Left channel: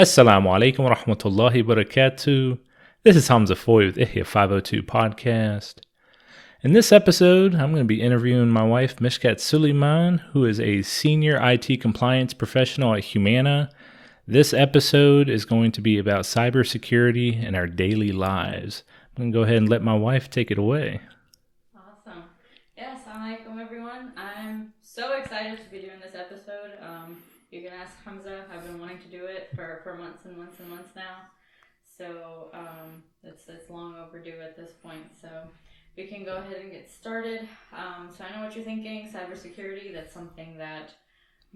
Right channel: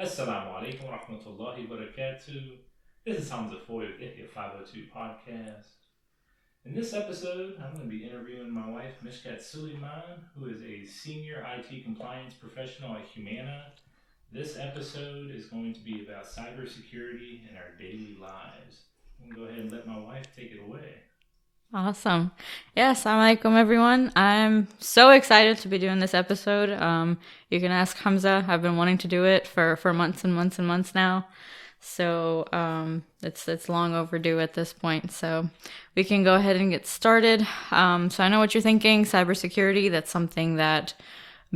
Assalamu alaikum wa rahmatullahi wa barakatuh. This is Hamza Foy with Ihya 502 Podcast. In this episode, I'm going to be interviewing my wife, Mishkat Suleiman, who is a senior IT compliance professional at Humana. This episode is going to be about cybersecurity in our daily lives. I'm going to go ahead and let my wife take it away. Awesome. Yes, assalamu alaikum everyone. I'm so excited to be doing this episode. You can ask Hamza. I've been wanting to do it for months and months and months now. So it's long overdue at this point. So we can go ahead and get started. So I know what you're thinking. Cybersecurity, that's something that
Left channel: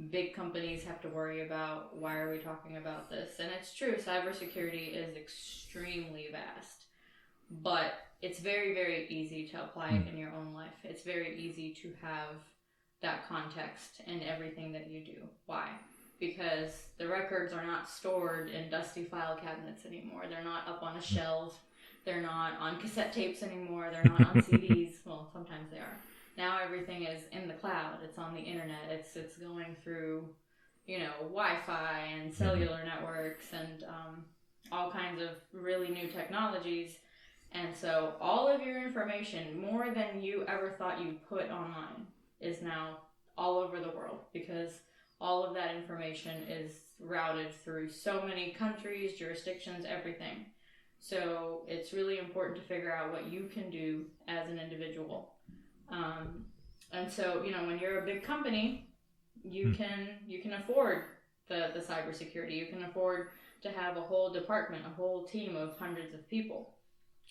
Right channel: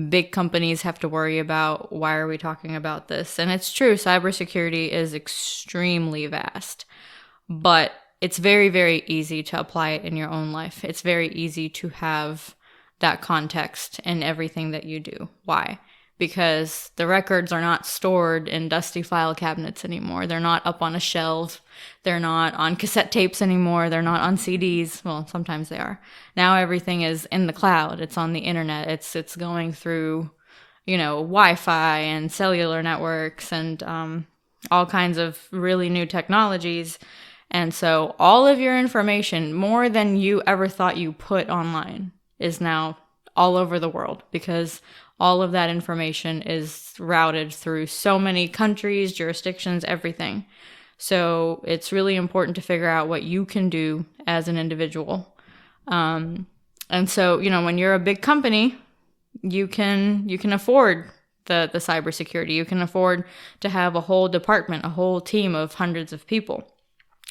big companies have to worry about. Why are we talking about this? And it's true. Cybersecurity is extremely vast. But it's very, very easy to apply it in your own life. It's very easy to have that context in everything that you do. Why? Because the records are not stored in dusty file cabinets anymore. They're not up on a shelf. They're not on cassette tapes anymore. They're not on CDs. Well, sometimes they are. Now everything is in the cloud. It's on the internet. It's going through, Wi-Fi and cellular networks and all kinds of really new technologies. And so all of your information, more than you ever thought you put online, is now all over the world because all of that information is routed through so many countries, jurisdictions, everything. So it's really important to figure out what you can do as an individual. And so, when you're a big company, you can afford the cybersecurity. You can afford to have a whole department, a whole team of hundreds of people.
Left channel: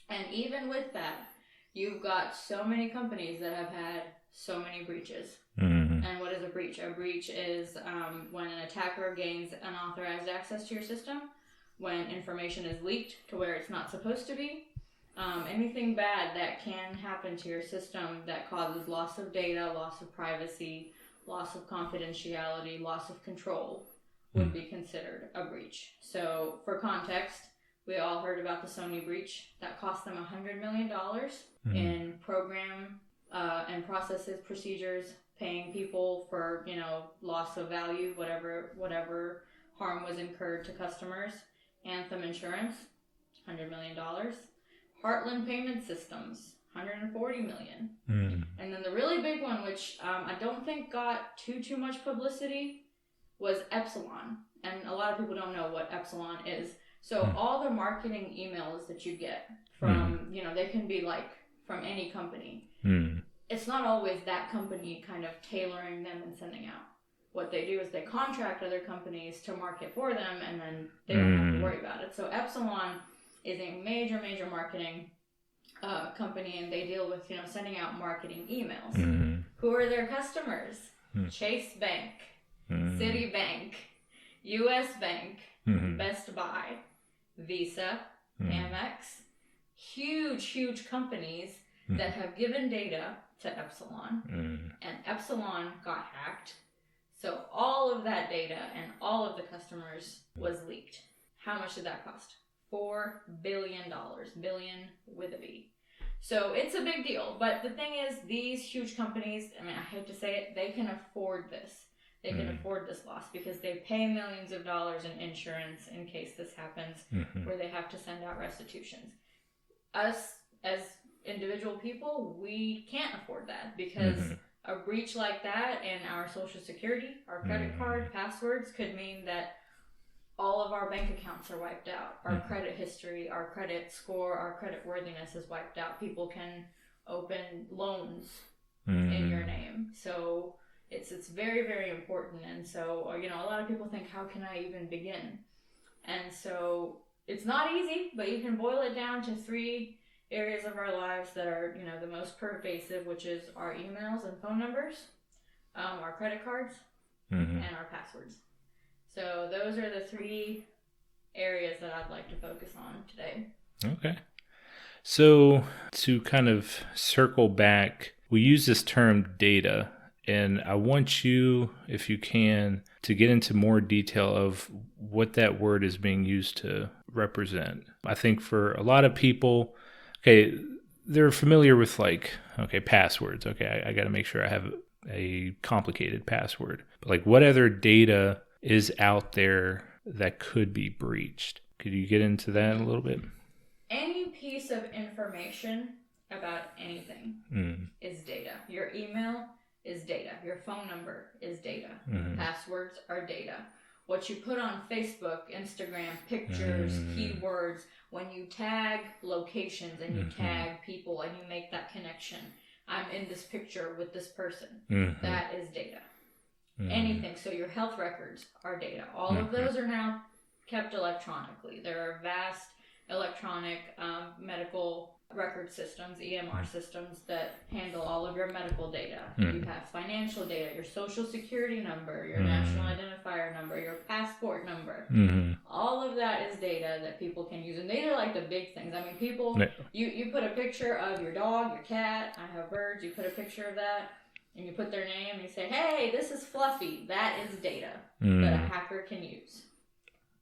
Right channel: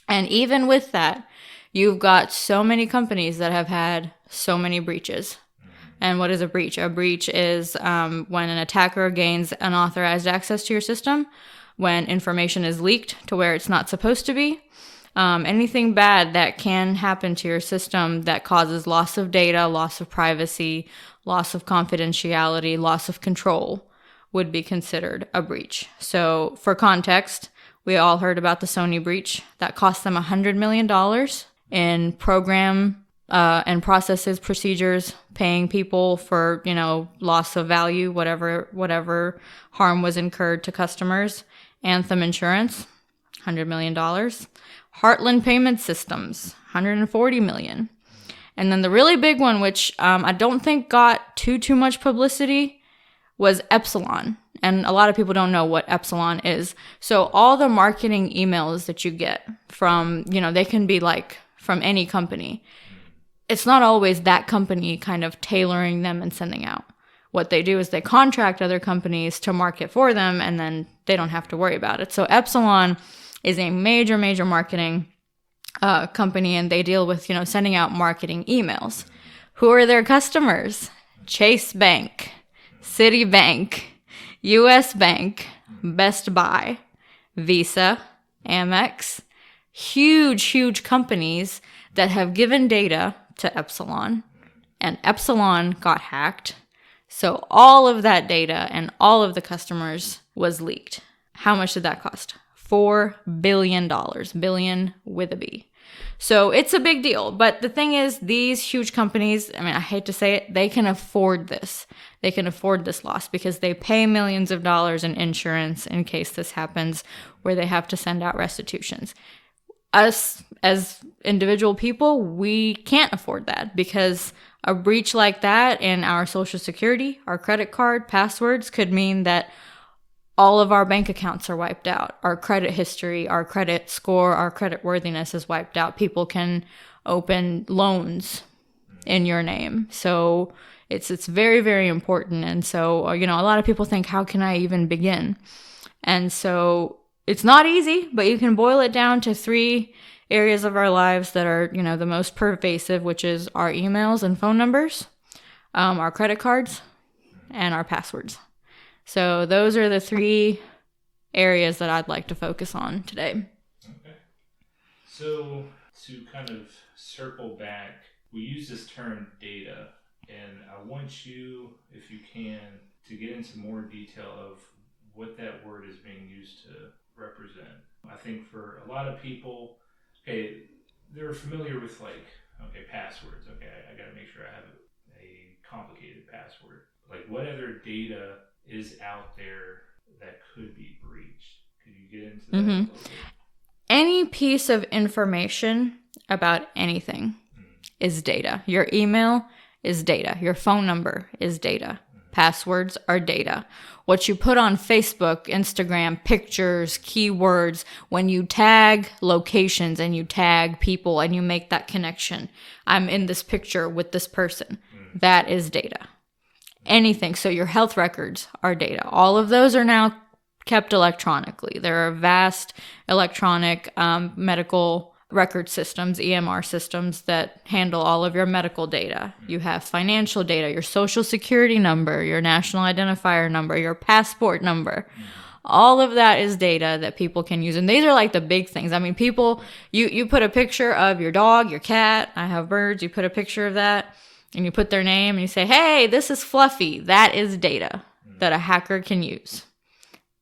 And even with that, you've got so many companies that have had so many breaches. Mm-hmm. And what is a breach? A breach is when an attacker gains unauthorized access to your system, when information is leaked to where it's not supposed to be. Anything bad that can happen to your system that causes loss of data, loss of privacy, loss of confidentiality, loss of control would be considered a breach. So for context, we all heard about the Sony breach that cost them $100 million in program and processes, procedures, paying people for, loss of value, whatever harm was incurred to customers. Anthem Insurance, $100 million. Heartland Payment Systems, $140 million. And then the really big one, which I don't think got too much publicity, was Epsilon. And a lot of people don't know what Epsilon is. So all the marketing emails that you get from, they can be like from any company. It's not always that company kind of tailoring them and sending out. What they do is they contract other companies to market for them, and then they don't have to worry about it. So Epsilon is a major, major marketing company, and they deal with, sending out marketing emails. Who are their customers? Chase Bank, Citibank, U.S. Bank, Best Buy, Visa, Amex, huge companies that have given data to Epsilon, and Epsilon got hacked. So all of that data and all of the customers was leaked. How much did that cost? $4 billion, billion with a B. So it's a big deal. But the thing is, these huge companies, I hate to say it, they can afford this. They can afford this loss because they pay millions of dollars in insurance in case this happens, where they have to send out restitutions. Us, as individual people, we can't afford that because a breach like that in our Social Security, our credit card, passwords could mean that all of our bank accounts are wiped out. Our credit history, our credit score, our credit worthiness is wiped out. People can open loans in your name. So it's very, very important. And so, a lot of people think, how can I even begin? And so it's not easy, but you can boil it down to 3 areas of our lives that are, the most pervasive, which is our emails and phone numbers, our credit cards, and our passwords. So those are the 3 areas that I'd like to focus on today. Okay. So to kind of circle back, we use this term data, and I want you, if you can, to get into more detail of what that word is being used to represent. I think for a lot of people, they're familiar with passwords. I got to make sure I have a complicated password. But what other data is out there that could be breached. Could you get into that a little bit? Any piece of information about anything is data. Your email is data. Your phone number is data. Passwords are data. What you put on Facebook, Instagram, pictures, keywords, when you tag locations and you tag people and you make that connection. I'm in this picture with this person. That is data. Anything. So your health records are data. All of those are now kept electronically. There are vast electronic medical record systems, EMR systems, that handle all of your medical data. You have financial data, your social security number, your national identifier number, your passport number. All of that is data that people can use. And these are like the big things. I mean, people, you put a picture of your dog, your cat, I have birds, you put a picture of that and you put their name and you say, hey, this is Fluffy. That is data that a hacker can use.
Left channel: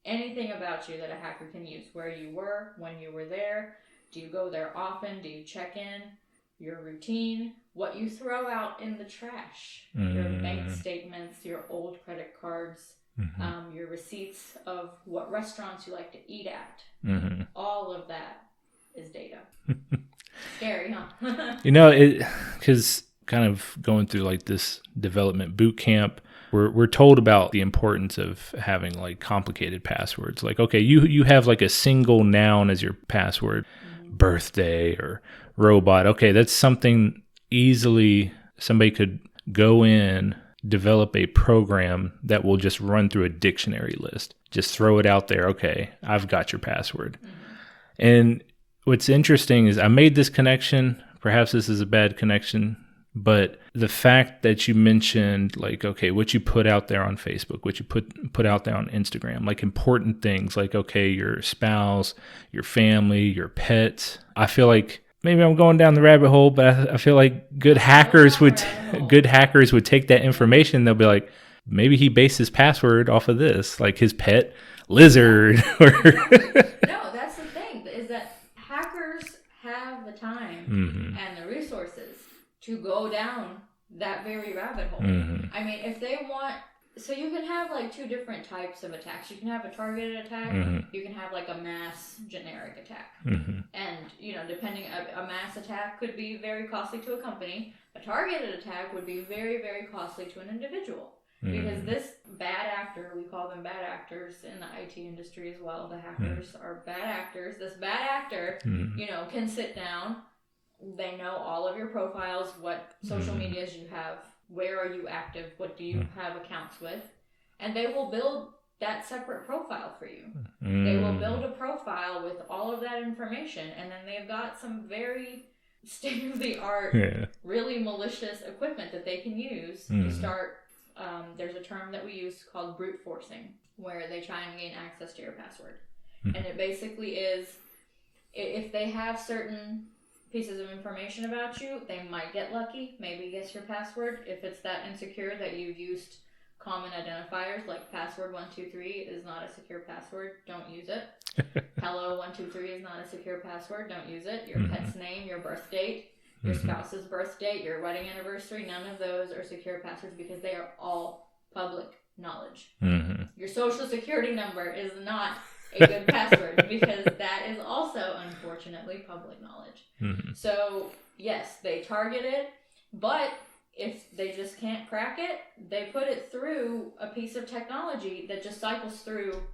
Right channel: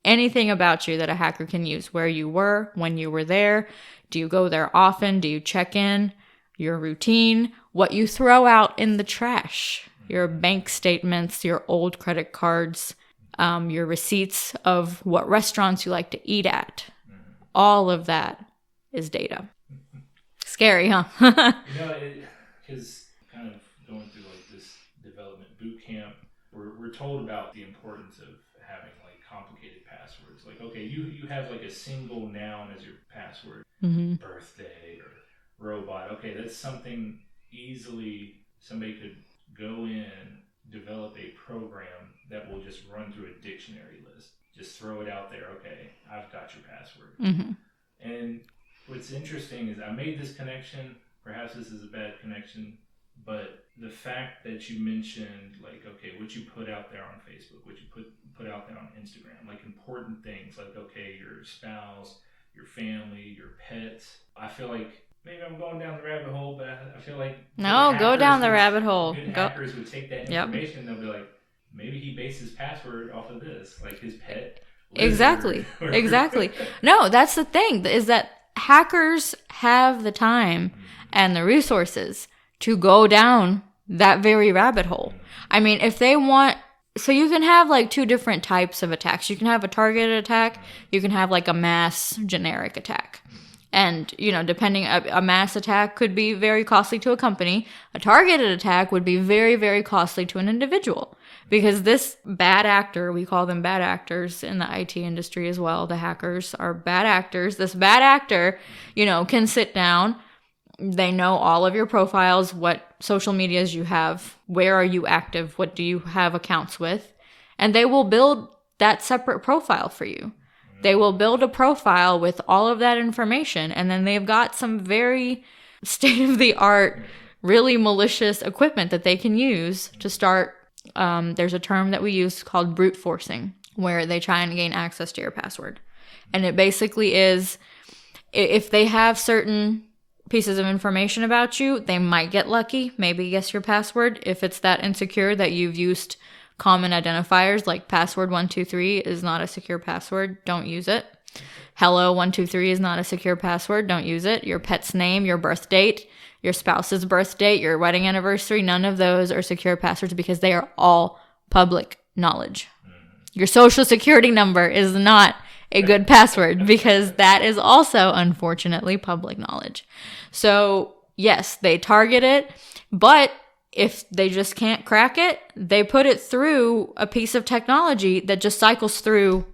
Anything about you that a hacker can use, where you were, when you were there. Do you go there often? Do you check in? Your routine? What you throw out in the trash? Your bank statements, your old credit cards, your receipts of what restaurants you like to eat at. All of that is data. Scary, huh? Because kind of going through like this development boot camp, we're told about the importance of having like complicated passwords. Like, okay, you have like a single noun as your password, birthday or robot. Okay, that's something easily somebody could go in, develop a program that will just run through a dictionary list. Just throw it out there. Okay, I've got your password. And what's interesting is I made this connection. Perhaps this is a bad connection. But the fact that you mentioned, like, okay, what you put out there on Facebook, what you put out there on Instagram, like important things, like, okay, your spouse, your family, your pets. I feel like maybe I'm going down the rabbit hole, but I feel like good hackers would take that information. They'll be like, maybe he based his password off of this, like his pet lizard. Exactly. No, that's the thing, is that hackers have the time and the resources to go down that very rabbit hole. I mean, if they want, so you can have like two different types of attacks. You can have a targeted attack. You can have like a mass generic attack. And, depending, a mass attack could be very costly to a company. A targeted attack would be very, very costly to an individual. Because this bad actor, we call them bad actors in the IT industry as well. The hackers are bad actors. This bad actor, can sit down. They know all of your profiles, what social medias you have, where are you active, what do you have accounts with, and they will build that separate profile for you. They will build a profile with all of that information, and then they've got some very state-of-the-art, really malicious equipment that they can use to start. There's a term that we use called brute forcing, where they try and gain access to your password. And it basically is, if they have certain pieces of information about you, they might get lucky, maybe guess your password. If it's that insecure that you've used common identifiers like password 123 is not a secure password, don't use it. Hello 123 is not a secure password, don't use it. Your pet's name, your birth date, your spouse's birth date, your wedding anniversary, none of those are secure passwords because they are all public knowledge. Your social security number is not a good password because that is also, unfortunately, public knowledge. So, yes, they target it, but if they just can't crack it, they put it through a piece of technology that just cycles through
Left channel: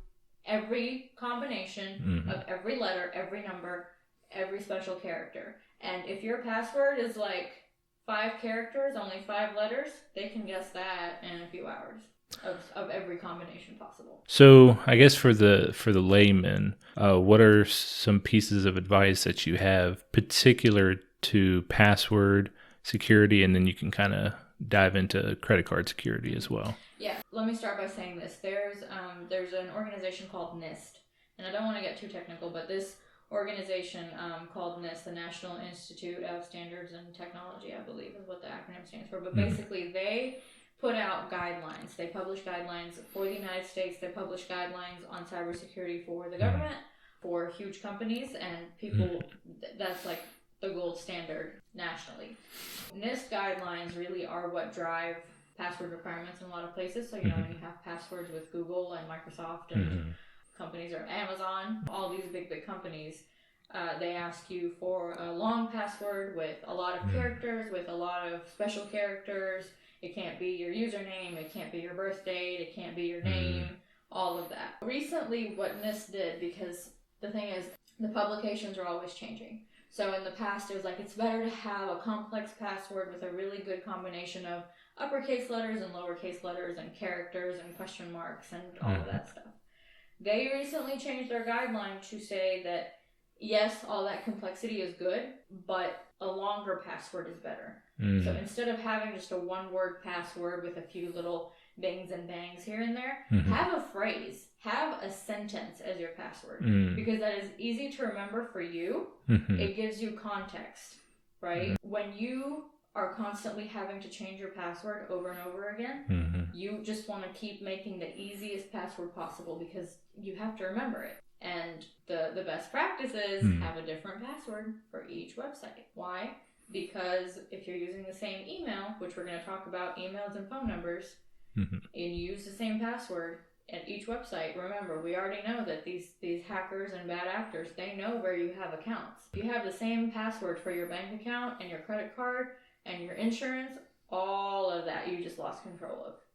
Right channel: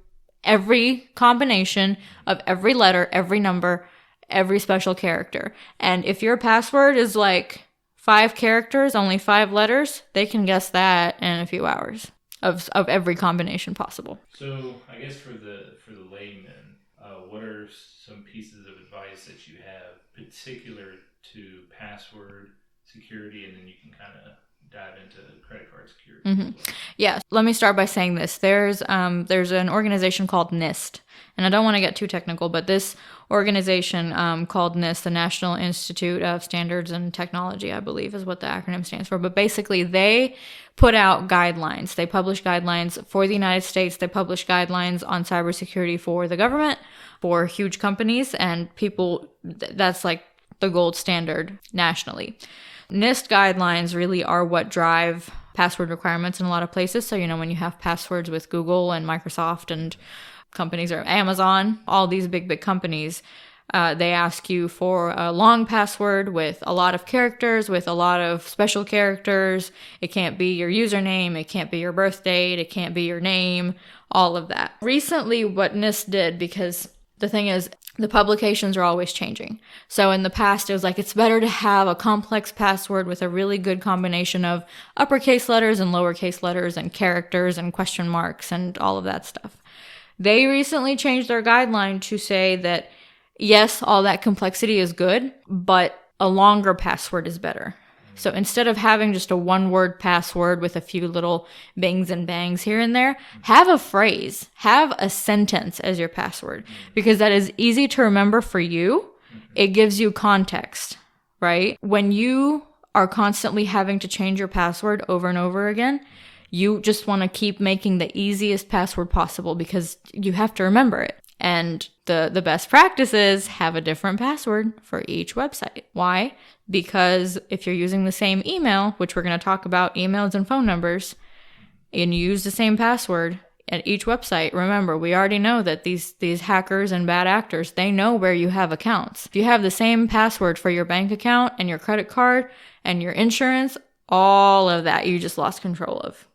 every combination of every letter, every number, every special character. And if your password is like 5 characters, only 5 letters, they can guess that in a few hours. Of every combination possible. So I guess for the layman, what are some pieces of advice that you have particular to password security, and then you can kind of dive into credit card security as well? Yeah, let me start by saying this. There's an organization called NIST, and I don't want to get too technical, but this organization called NIST, the National Institute of Standards and Technology, I believe is what the acronym stands for. But basically, they put out guidelines. They publish guidelines for the United States. They publish guidelines on cybersecurity for the government, for huge companies, and people. That's like the gold standard nationally. NIST guidelines really are what drive password requirements in a lot of places. So, when you have passwords with Google and Microsoft and companies, or Amazon, all these big companies, they ask you for a long password with a lot of characters, with a lot of special characters. It can't be your username. It can't be your birth date. It can't be your name, all of that. Recently, what NIST did, because the thing is, the publications are always changing. So in the past, it was like, it's better to have a complex password with a really good combination of uppercase letters and lowercase letters and characters and question marks and all of that stuff. They recently changed their guideline to say that, yes, all that complexity is good, but a longer password is better. So instead of having just a one-word password with a few little bangs and bangs here and there, have a phrase, have a sentence as your password, because that is easy to remember for you. It gives you context, right? When you are constantly having to change your password over and over again, you just want to keep making the easiest password possible because you have to remember it. And the best practice is have a different password for each website. Why? Because if you're using the same email, which we're going to talk about emails and phone numbers, and you use the same password at each website, remember, we already know that these hackers and bad actors, they know where you have accounts. If you have the same password for your bank account and your credit card and your insurance, all of that you just lost control of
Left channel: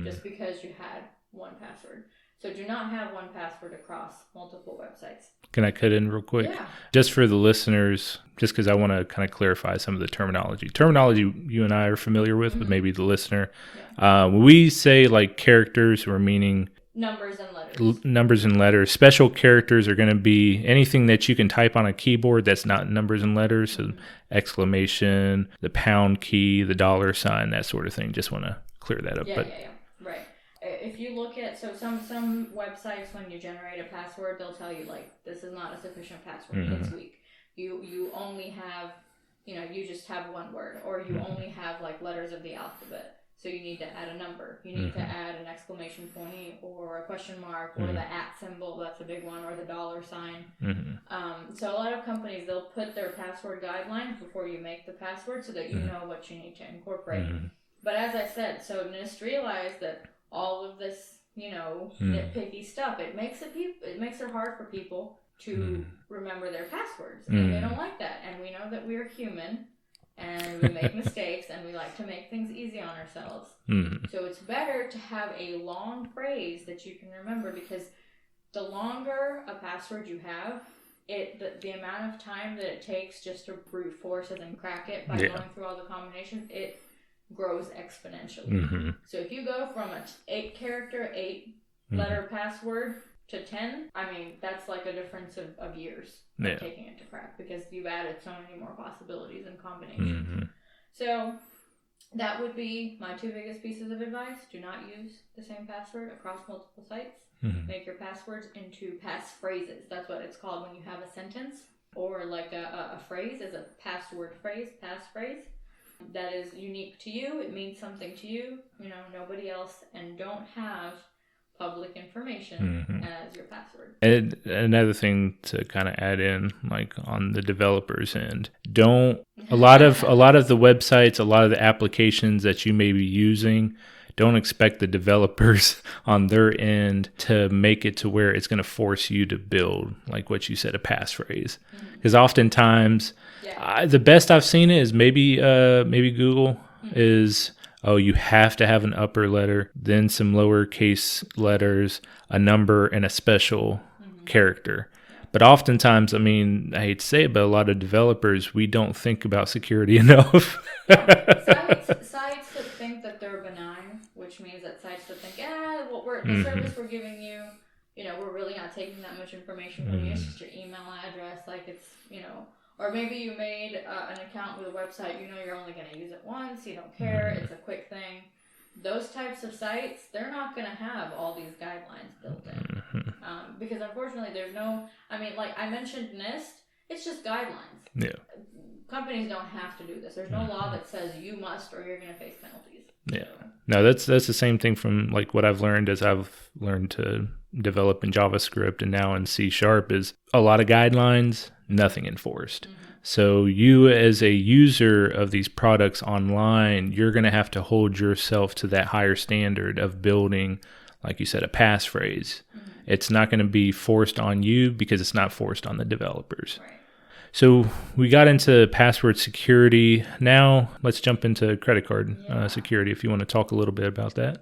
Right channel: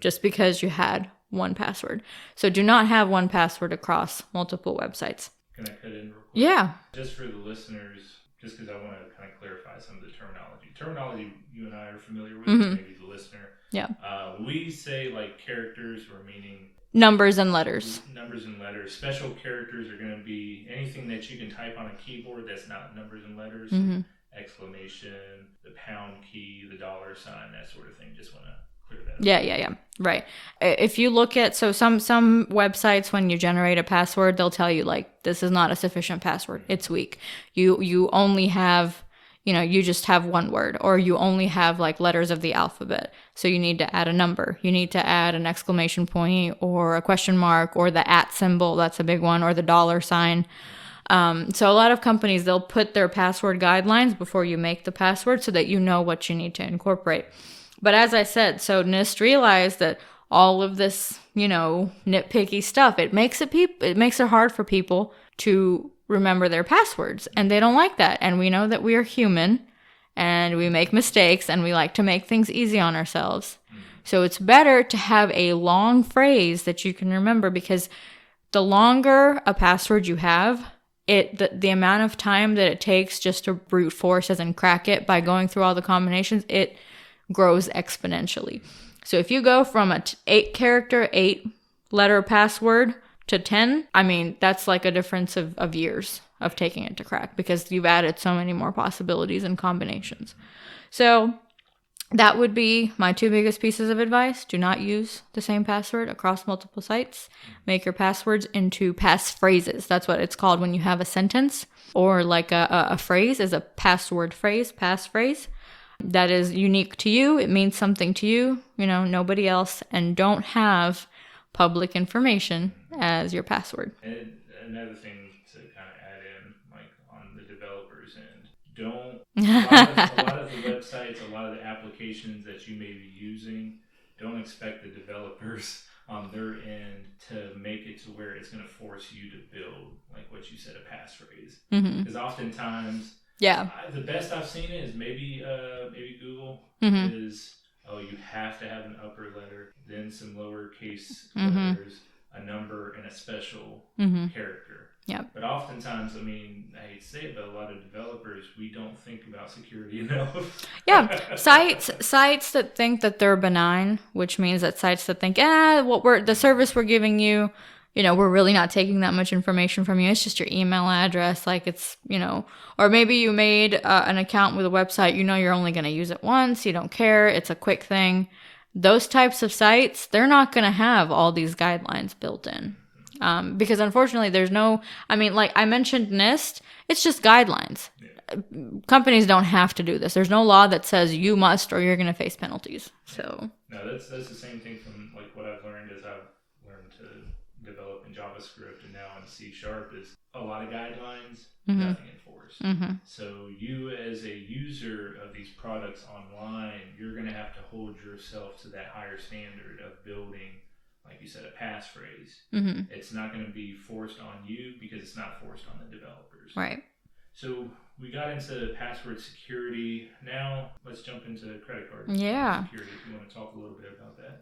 just because you had one password. So do not have one password across multiple websites. Can I cut in real quick? Yeah. Just for the listeners, just because I want to kind of clarify some of the terminology. Terminology you and I are familiar with, but maybe the listener. Yeah. When we say like characters, we're meaning numbers and letters. Numbers and letters. Special characters are going to be anything that you can type on a keyboard that's not numbers and letters. So exclamation, the pound key, the $sign, that sort of thing. Just want to clear that up. Yeah. Right. If you look at, so some websites, when you generate a password, they'll tell you like, this is not a sufficient password. It's weak. You only have, you just have one word, or you only have like letters of the alphabet. So you need to add a number. You need to add an exclamation point or a question mark or the @ symbol. That's a big one, or the $sign. So a lot of companies, they'll put their password guidelines before you make the password so that you know what you need to incorporate. But as I said, so NIST realized that all of this, nitpicky stuff, it makes it hard for people to remember their passwords, and they don't like that. And we know that we are human and we make mistakes and we like to make things easy on ourselves. So it's better to have a long phrase that you can remember, because the longer a password you have, the amount of time that it takes just to brute force, as in crack it by going through all the combinations, it grows exponentially. So if you go from a 8-character, 8-letter password to 10, I mean, that's like a difference of years of taking it to crack, because you've added so many more possibilities and combinations. So that would be my 2 biggest pieces of advice. Do not use the same password across multiple sites. Make your passwords into passphrases. That's what it's called when you have a sentence, or like a phrase is a password phrase, passphrase. That is unique to you. It means something to you, nobody else, and don't have public information as your password. And another thing to kind of add in, like on the developers end, a lot of the websites, a lot of the applications that you may be using, don't expect the developers on their end to make it to where it's going to force you to build, like what you said, a passphrase. Because oftentimes, the best I've seen it is maybe Google is, you have to have an upper letter, then some lowercase letters, a number, and a special character. But oftentimes, I mean, I hate to say it, but a lot of developers, we don't think about security enough. Sites that think that they're benign, which means that sites that think, the service we're giving you, we're really not taking that much information from you. It's just your email address. Like it's, or maybe you made an account with a website, you're only going to use it once. You don't care. It's a quick thing. Those types of sites, they're not going to have all these guidelines built in. Because unfortunately there's like I mentioned NIST, it's just guidelines. Companies don't have to do this. There's no law that says you must or you're going to face penalties. So no, that's the same thing from like what I've learned as I've learned to develop in JavaScript and now in C# is a lot of guidelines, nothing enforced. So you as a user of these products online, you're going to have to hold yourself to that higher standard of building, like you said, a passphrase. It's not going to be forced on you because it's not forced on the developers. Right. So we got into password security. Now let's jump into credit card security. If you want to talk a little bit about that.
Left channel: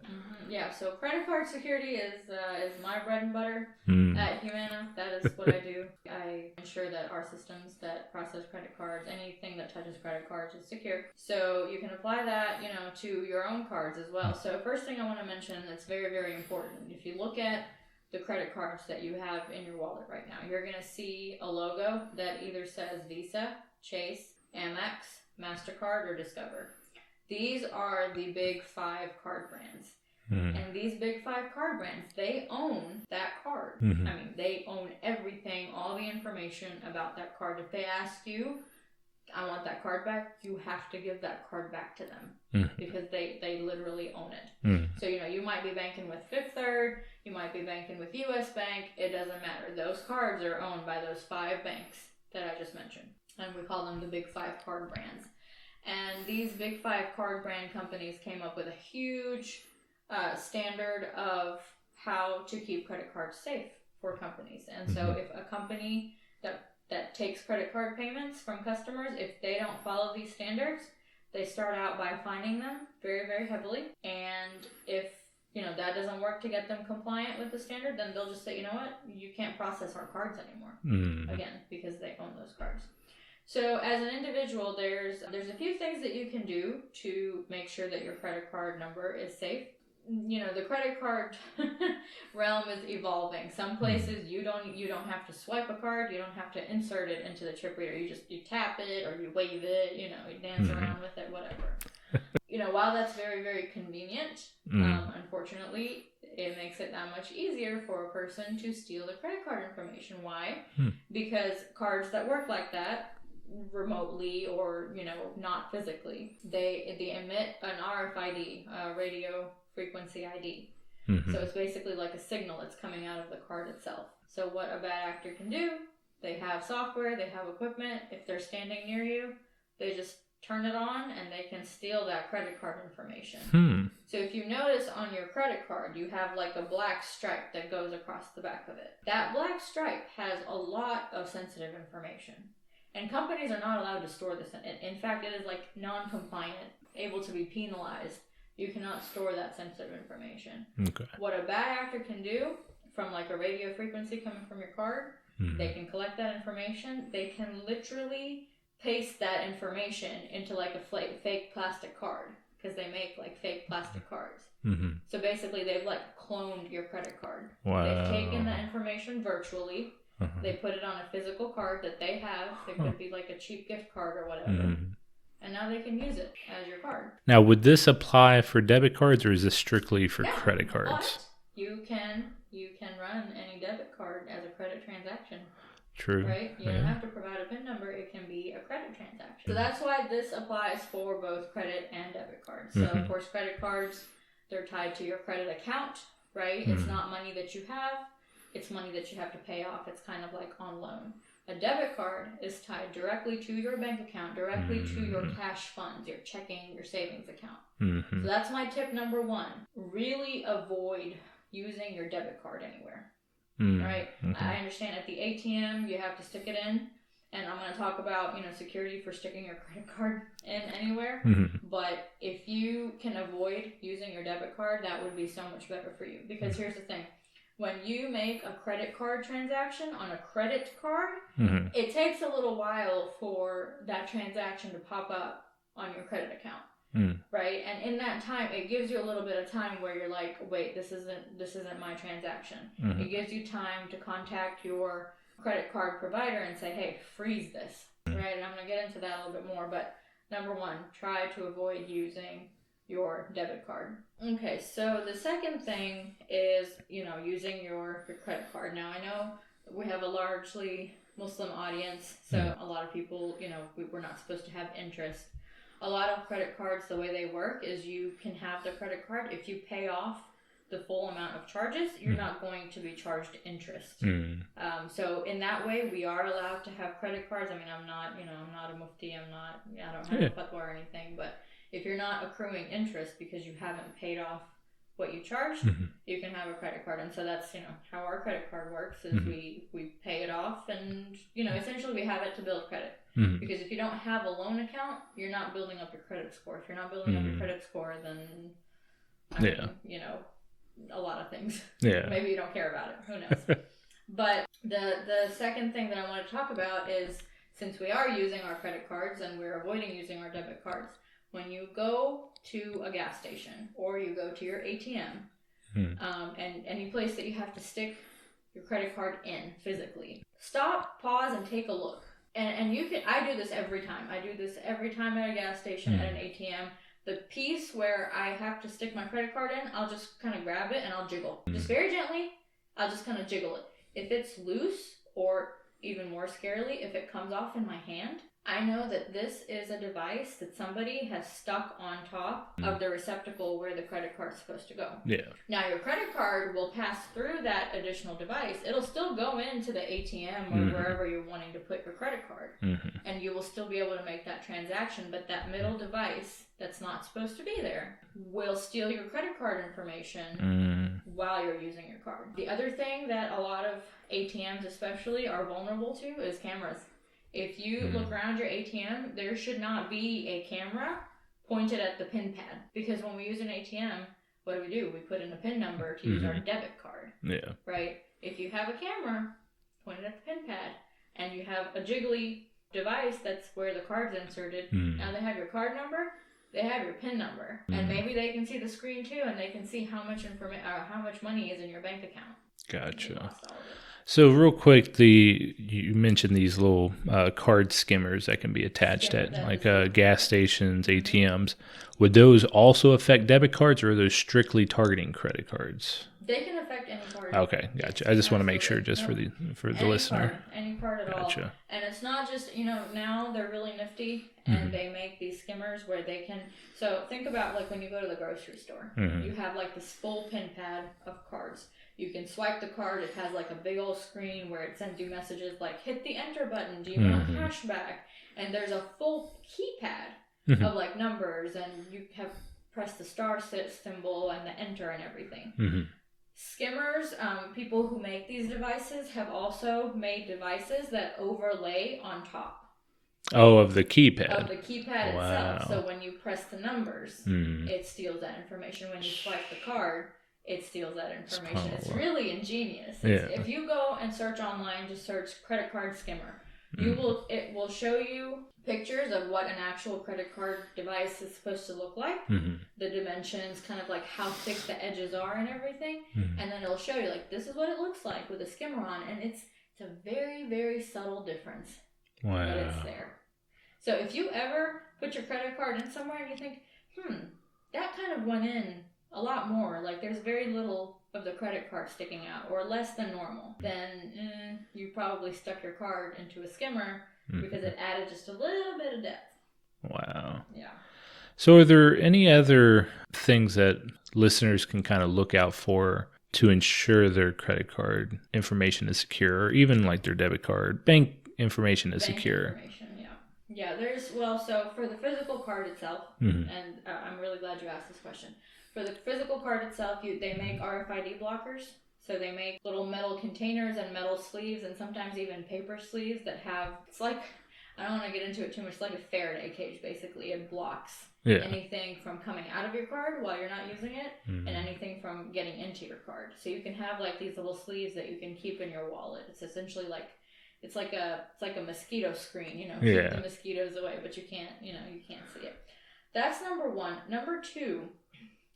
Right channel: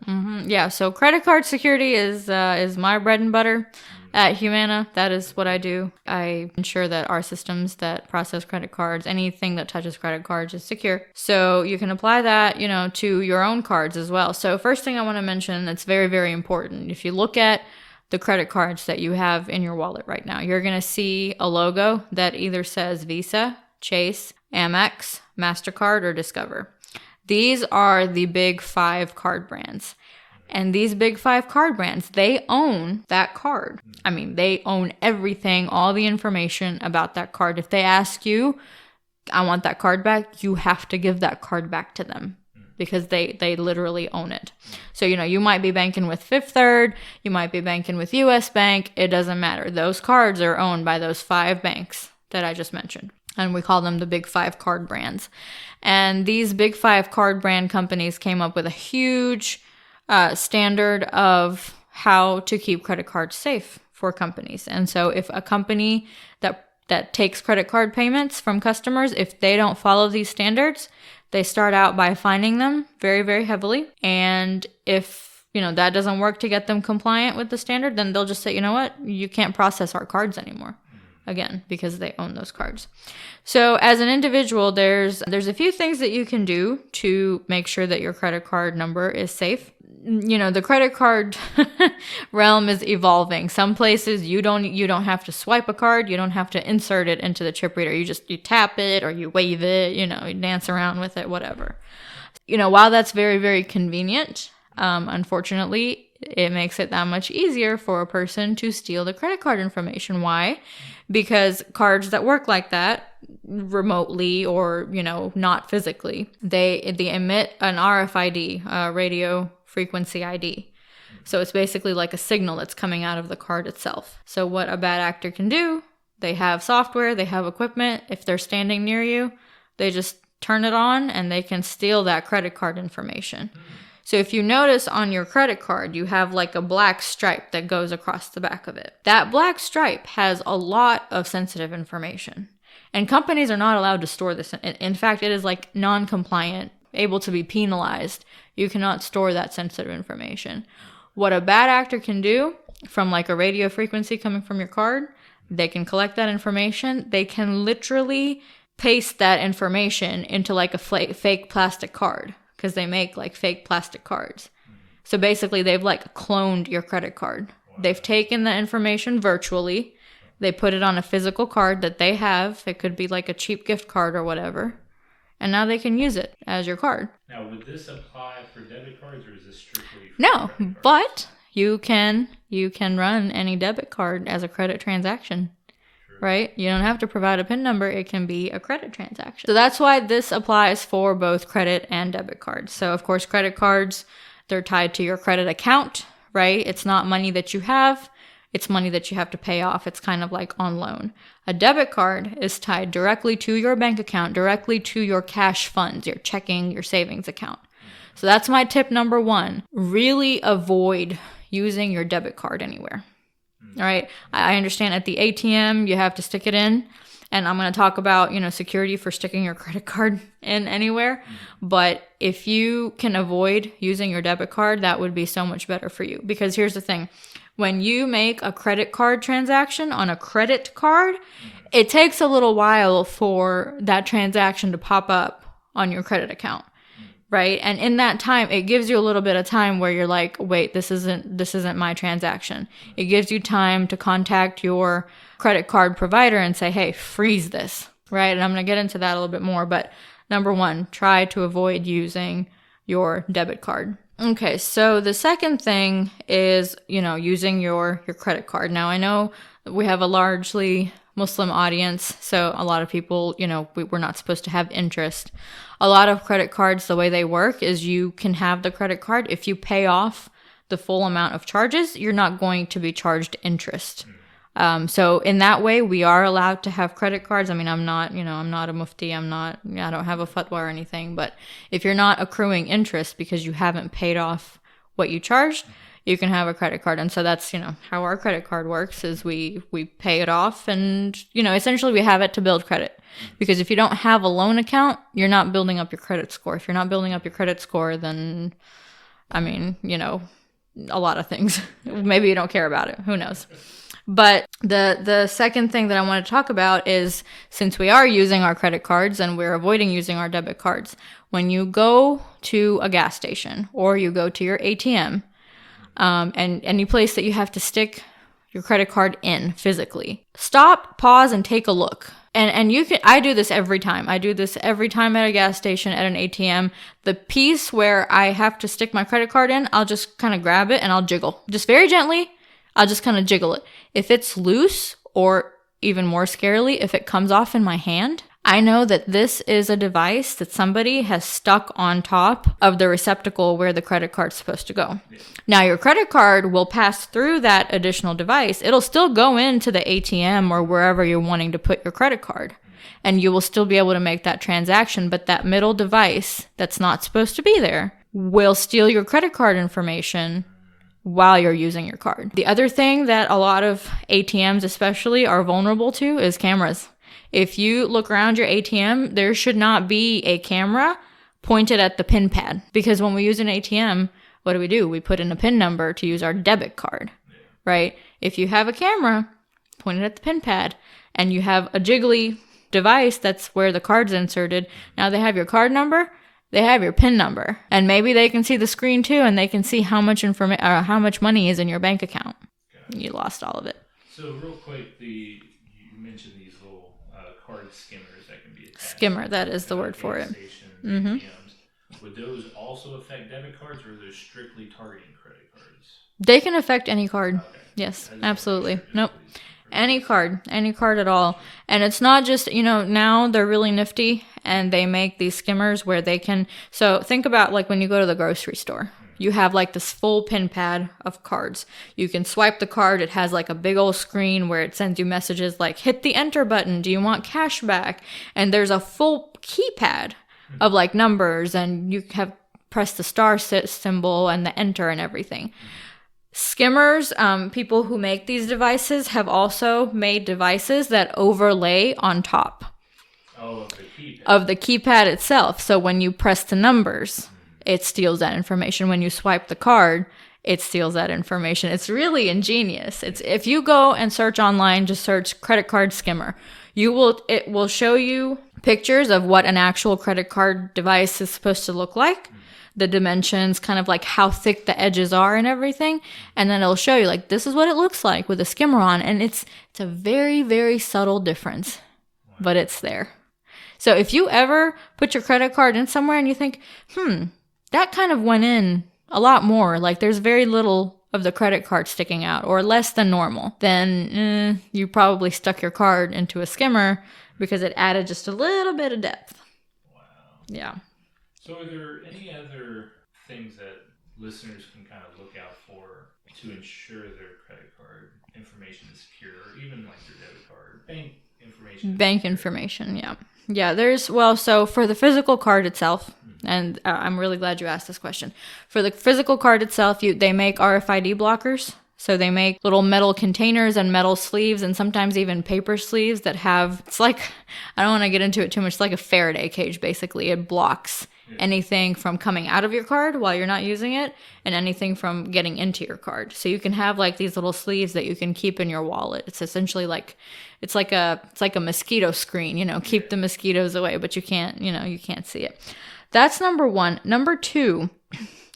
Yeah. So credit card security is my bread and butter at Humana. That is what I do. I ensure that our systems that process credit cards, anything that touches credit cards, is secure. So you can apply that, to your own cards as well. So first thing I want to mention that's very, very important. If you look at the credit cards that you have in your wallet right now, you're going to see a logo that either says Visa, Chase, Amex, MasterCard, or Discover. These are the big 5 card brands. And these big 5 card brands, they own that card. I mean, they own everything, all the information about that card. If they ask you, I want that card back, you have to give that card back to them because they literally own it. So, you might be banking with Fifth Third, you might be banking with US Bank, it doesn't matter. Those cards are owned by those 5 banks that I just mentioned. And we call them the big 5 card brands. And these big 5 card brand companies came up with a huge standard of how to keep credit cards safe for companies. And so if a company that takes credit card payments from customers, if they don't follow these standards, they start out by fining them very, very heavily. And if, that doesn't work to get them compliant with the standard, then they'll just say, you know what, you can't process our cards anymore. Again, because they own those cards. So as an individual, there's a few things that you can do to make sure that your credit card number is safe. The credit card realm is evolving. Some places you don't have to swipe a card. You don't have to insert it into the chip reader. You tap it or you wave it, you dance around with it, whatever. While that's very, very convenient, unfortunately, it makes it that much easier for a person to steal the credit card information. Why? Because cards that work like that remotely or, not physically, they emit an RFID, radio frequency ID. So it's basically like a signal that's coming out of the card itself. So what a bad actor can do, they have software, they have equipment. If they're standing near you, they just turn it on and they can steal that credit card information. So if you notice on your credit card, you have like a black stripe that goes across the back of it. That black stripe has a lot of sensitive information. And companies are not allowed to store this. In fact, it is like non-compliant, able to be penalized. You cannot store that sensitive information. Okay. What a bad actor can do from like a radio frequency coming from your card, they can collect that information. They can literally paste that information into like a fake plastic card because they make like fake plastic cards. So basically they've like cloned your credit card. Wow. They've taken the information virtually. They put it on a physical card that they have. It could be like a cheap gift card or whatever. And now they can use it as your card. Now, would this apply for debit cards or is this strictly for credit cards? But you can run any debit card as a credit transaction. True. Right? You don't have to provide a PIN number. It can be a credit transaction. So that's why this applies for both credit and debit cards. So, of course, credit cards, they're tied to your credit account, right? It's not money that you have. It's money that you have to pay off. It's kind of like on loan. A debit card is tied directly to your bank account, directly to your cash funds, your checking, your savings account. So that's my tip number 1. Really avoid using your debit card anywhere. All right. Okay. I understand at the ATM, you have to stick it in. And I'm going to talk about, security for sticking your credit card in anywhere. But if you can avoid using your debit card, that would be so much better for you. Because here's the thing. When you make a credit card transaction on a credit card, it takes a little while for that transaction to pop up on your credit account, right? And in that time, it gives you a little bit of time where you're like, wait, this isn't my transaction. It gives you time to contact your credit card provider and say, hey, freeze this, right? And I'm going to get into that a little bit more. But number 1, try to avoid using your debit card. Okay, so the second thing is, using your credit card. Now, I know we have a largely Muslim audience, so a lot of people, we're not supposed to have interest. A lot of credit cards, the way they work is you can have the credit card. If you pay off the full amount of charges, you're not going to be charged interest. So in that way, we are allowed to have credit cards. I mean, I'm not a mufti. I don't have a fatwa or anything. But if you're not accruing interest because you haven't paid off what you charged, you can have a credit card. And so that's, how our credit card works is we pay it off and, essentially we have it to build credit. Because if you don't have a loan account, you're not building up your credit score. If you're not building up your credit score, then, I mean, a lot of things. Maybe you don't care about it. Who knows? But the second thing that I want to talk about is, since we are using our credit cards and we're avoiding using our debit cards, when you go to a gas station or you go to your ATM, and any place that you have to stick your credit card in physically, stop, pause, and take a look. And you can, I do this every time. I do this every time at a gas station, at an ATM. The piece where I have to stick my credit card in, I'll just kind of grab it and I'll jiggle. Just very gently, I'll just kind of jiggle it. If it's loose, or even more scarily, if it comes off in my hand, I know that this is a device that somebody has stuck on top of the receptacle where the credit card's supposed to go. Now, your credit card will pass through that additional device. It'll still go into the ATM or wherever you're wanting to put your credit card. And you will still be able to make that transaction. But that middle device that's not supposed to be there will steal your credit card information while you're using your card. The other thing that a lot of ATMs especially are vulnerable to is cameras. If you look around your ATM, there should not be a camera pointed at the PIN pad. Because when we use an ATM, what do? We put in a PIN number to use our debit card. Right? If you have a camera pointed at the PIN pad and you have a jiggly device that's where the card's inserted, now they have your card number, they have your PIN number. And maybe they can see the screen too, and they can see how much how much money is in your bank account. Gotcha. You lost all of it. So real quick, you mentioned these little card skimmers that can be attached Skimmer, that is the word gas for it. stations, ATMs. Would those also affect debit cards, or are those strictly targeting credit cards? They can affect any card. Okay. Yes, Gotcha. I just absolutely. want to make sure just for the any listener. any card at all. Gotcha. And it's not just, now they're really nifty and they make these skimmers where they can, so think about like when you go to the grocery store, you have like this full PIN pad of cards. You can swipe the card. It has like a big old screen where it sends you messages like, hit the enter button. Do you want cash back? And there's a full keypad of like numbers, and you have press the star symbol and the enter and everything. Skimmers, people who make these devices have also made devices that overlay on top. Oh, of the keypad. Of the keypad itself. So when you press the numbers, it steals that information. When you swipe the card, it steals that information. It's really ingenious. If you go and search online, just search credit card skimmer, it will show you pictures of what an actual credit card device is supposed to look like, the dimensions, kind of like how thick the edges are and everything. And then it'll show you like, this is what it looks like with a skimmer on. And it's a very, very subtle difference, but it's there. So if you ever put your credit card in somewhere and you think, that kind of went in a lot more, like there's very little of the credit card sticking out or less than normal, then you probably stuck your card into a skimmer because it added just a little bit of depth. Wow. Yeah. So are there any other things that listeners can kind of look out for to ensure their credit card information is secure, or even like their debit card, bank information is secure? Bank information, yeah. Yeah, so for the physical card itself, and I'm really glad you asked this question. For the physical card itself, they make RFID blockers. So they make little metal containers and metal sleeves, and sometimes even paper sleeves that have, it's like, I don't want to get into it too much, it's like a Faraday cage, basically. It blocks anything from coming out of your card while you're not using it, and anything from getting into your card. So you can have like these little sleeves that you can keep in your wallet. It's essentially like, it's like a mosquito screen, keep the mosquitoes away, but you can't see it. That's number one. Number two,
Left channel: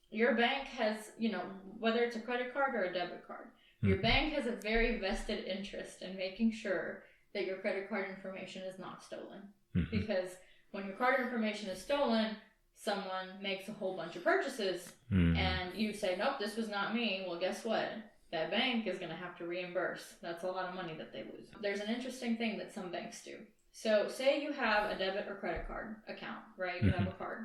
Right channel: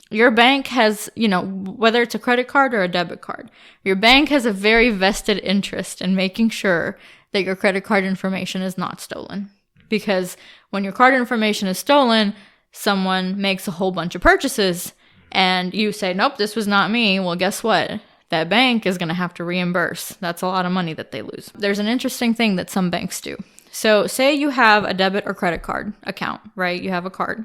your bank has, whether it's a credit card or a debit card, your bank has a very vested interest in making sure that your credit card information is not stolen. Because when your card information is stolen, someone makes a whole bunch of purchases and you say, nope, this was not me. Well, guess what? that bank is going to have to reimburse. That's a lot of money that they lose. There's an interesting thing that some banks do. So say you have a debit or credit card account, right? You have a card.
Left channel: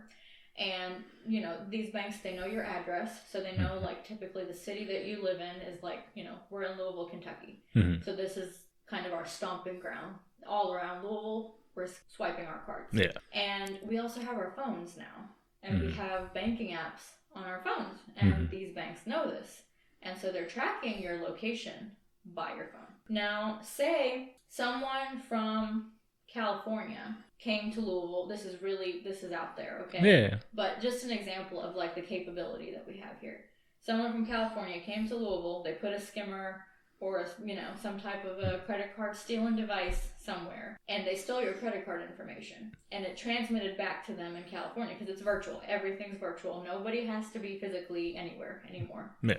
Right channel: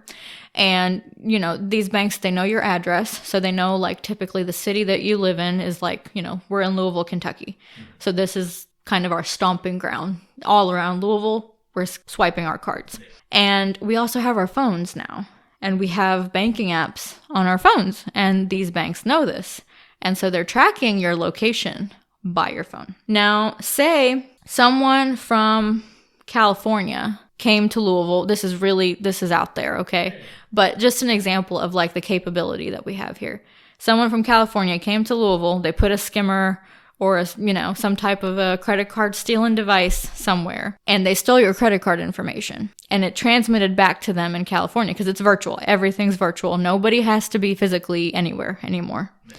And, you know, these banks, they know your address. So they know, like, typically the city that you live in is like, you know, we're in Louisville, Kentucky. So this is kind of our stomping ground. All around Louisville, we're swiping our cards. Yeah. And we also have our phones now. And we have banking apps on our phones. And these banks know this. And so they're tracking your location by your phone. Now, say someone from California came to Louisville. This is out there, okay? Yeah. But just an example of like the capability that we have here. Someone from California came to Louisville. They put a skimmer or some type of a credit card stealing device somewhere, and they stole your credit card information. And it transmitted back to them in California because it's virtual. Everything's virtual. Nobody has to be physically anywhere anymore. Yeah.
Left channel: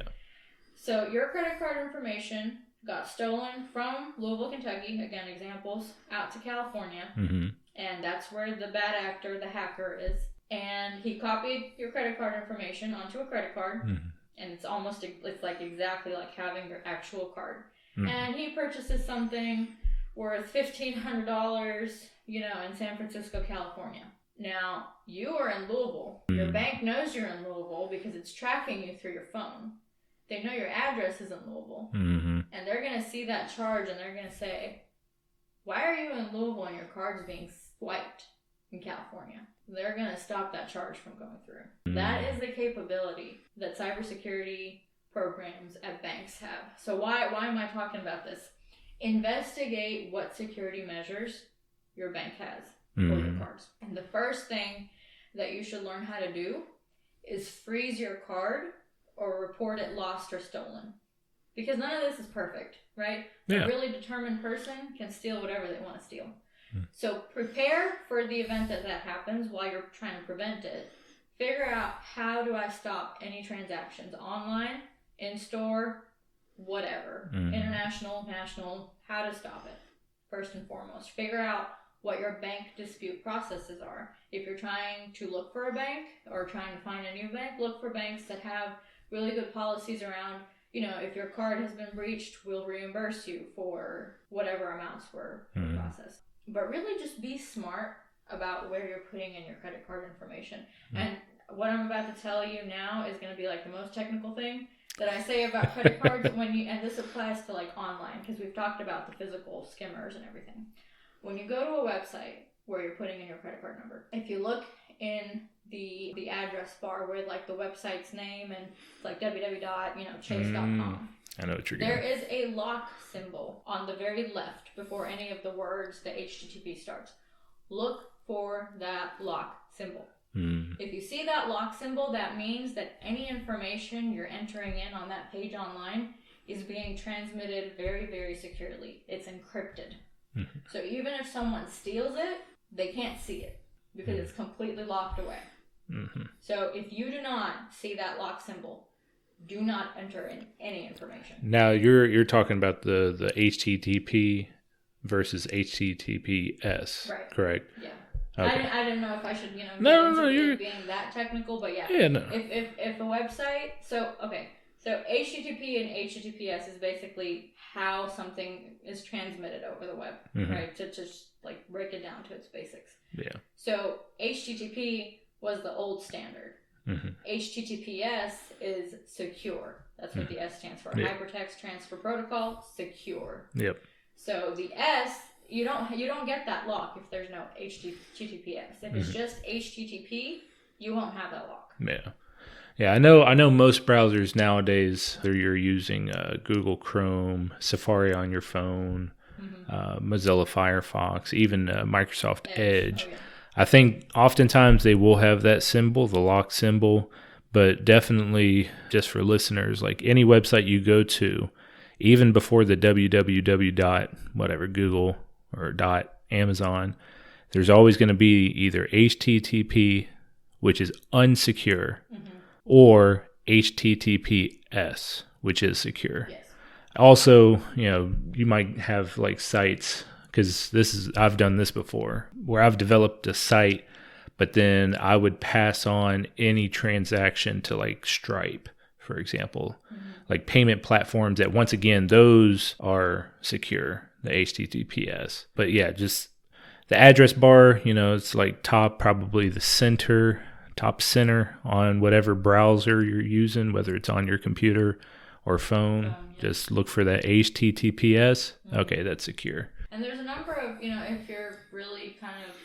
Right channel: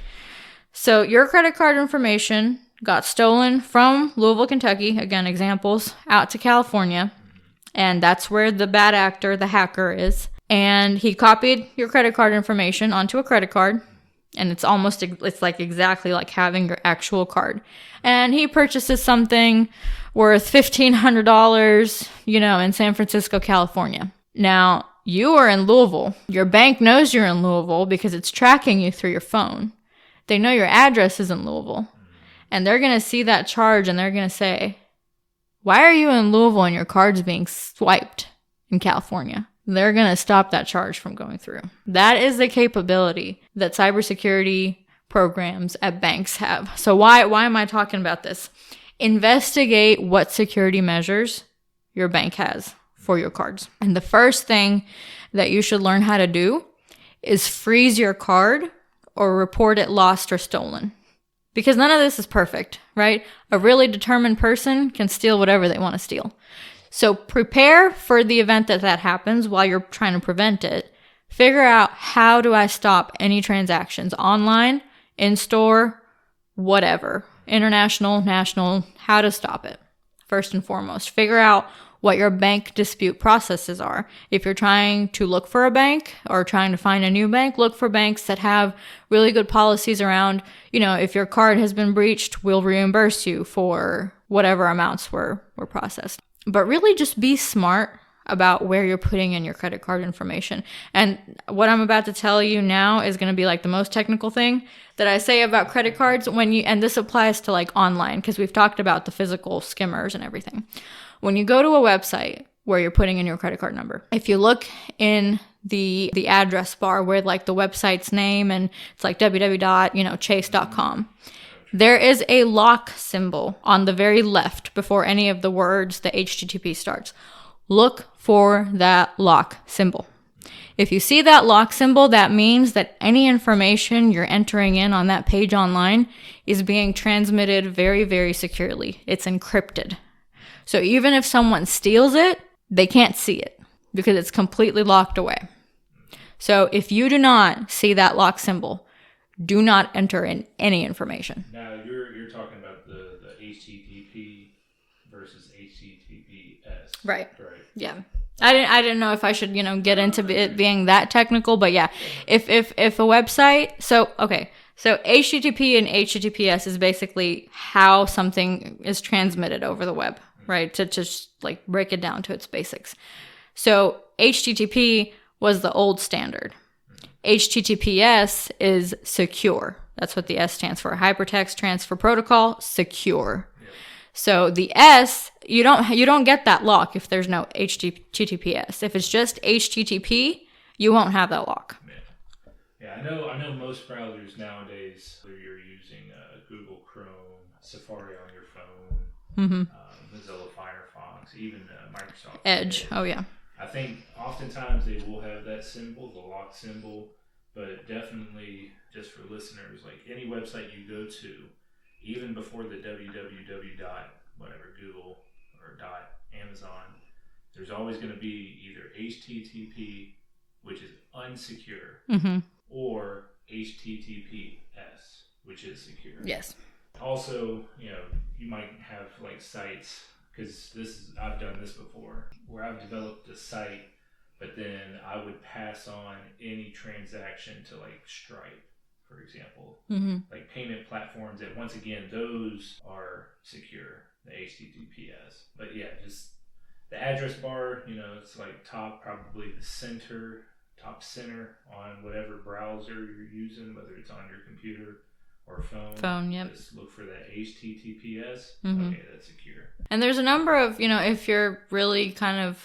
So your credit card information got stolen from Louisville, Kentucky, again, examples, out to California. And that's where the bad actor, the hacker, is. And he copied your credit card information onto a credit card. And it's like exactly like having your actual card. And he purchases something worth $1,500, in San Francisco, California. Now, you are in Louisville. Your bank knows you're in Louisville because it's tracking you through your phone. They know your address is in Louisville. And they're going to see that charge and they're going to say, why are you in Louisville and your card's being swiped in California? They're going to stop that charge from going through. That is the capability that cybersecurity programs at banks have. So why am I talking about this? Investigate what security measures your bank has for your cards. And the first thing that you should learn how to do is freeze your card or report it lost or stolen. Because none of this is perfect, right? Yeah. A really determined person can steal whatever they want to steal. So prepare for the event that happens while you're trying to prevent it. Figure out, how do I stop any transactions online, in store, whatever, international, national, how to stop it. First and foremost, figure out what your bank dispute processes are. If you're trying to look for a bank or trying to find a new bank, look for banks that have really good policies around, if your card has been breached, we'll reimburse you for whatever amounts were processed. But really just be smart about where you're putting in your credit card information. And what I'm about to tell you now is going to be like the most technical thing that I say about credit cards and this applies to like online, because we've talked about the physical skimmers and everything. When you go to a website where you're putting in your credit card number, if you look in the address bar where like the website's name and it's like www.chase.com, there is a lock symbol on the very left before any of the words the HTTP starts. Look for that lock symbol. If you see that lock symbol, that means that any information you're entering in on that page online is being transmitted very, very securely. It's encrypted. So even if someone steals it, they can't see it because it's completely locked away. So if you do not see that lock symbol, do not enter in any information. Now you're talking about the HTTP versus HTTPS, right? Correct. Yeah. Okay. I didn't know if I should get into it being that technical, but yeah. If a website, so HTTP and HTTPS is basically how something is transmitted over the web, right? To just like break it down to its basics. Yeah. So HTTP was the old standard. HTTPS is secure. That's what the S stands for. Yep. Hypertext Transfer Protocol, secure. Yep. So the S, you don't get that lock if there's no HTTPS. If it's just HTTP, you won't have that lock. Yeah. Yeah, I know most browsers nowadays, you're using Google Chrome, Safari on your phone, Mozilla Firefox, even Microsoft Edge. Oh, yeah. I think oftentimes they will have that symbol, the lock symbol, but definitely just for listeners, like any website you go to, even before the www. Whatever, Google or .amazon, there's always going to be either HTTP, which is unsecure, or HTTPS, which is secure. Yes. Also, you might have like sites, because I've done this before, where I've developed a site, but then I would pass on any transaction to like Stripe, for example, like payment platforms that, once again, those are secure, the HTTPS. But yeah, just the address bar, it's like probably the top center on whatever browser you're using, whether it's on your computer or phone. Yep. Just look for that HTTPS. Okay, that's secure. And there's a number of, if you're really kind of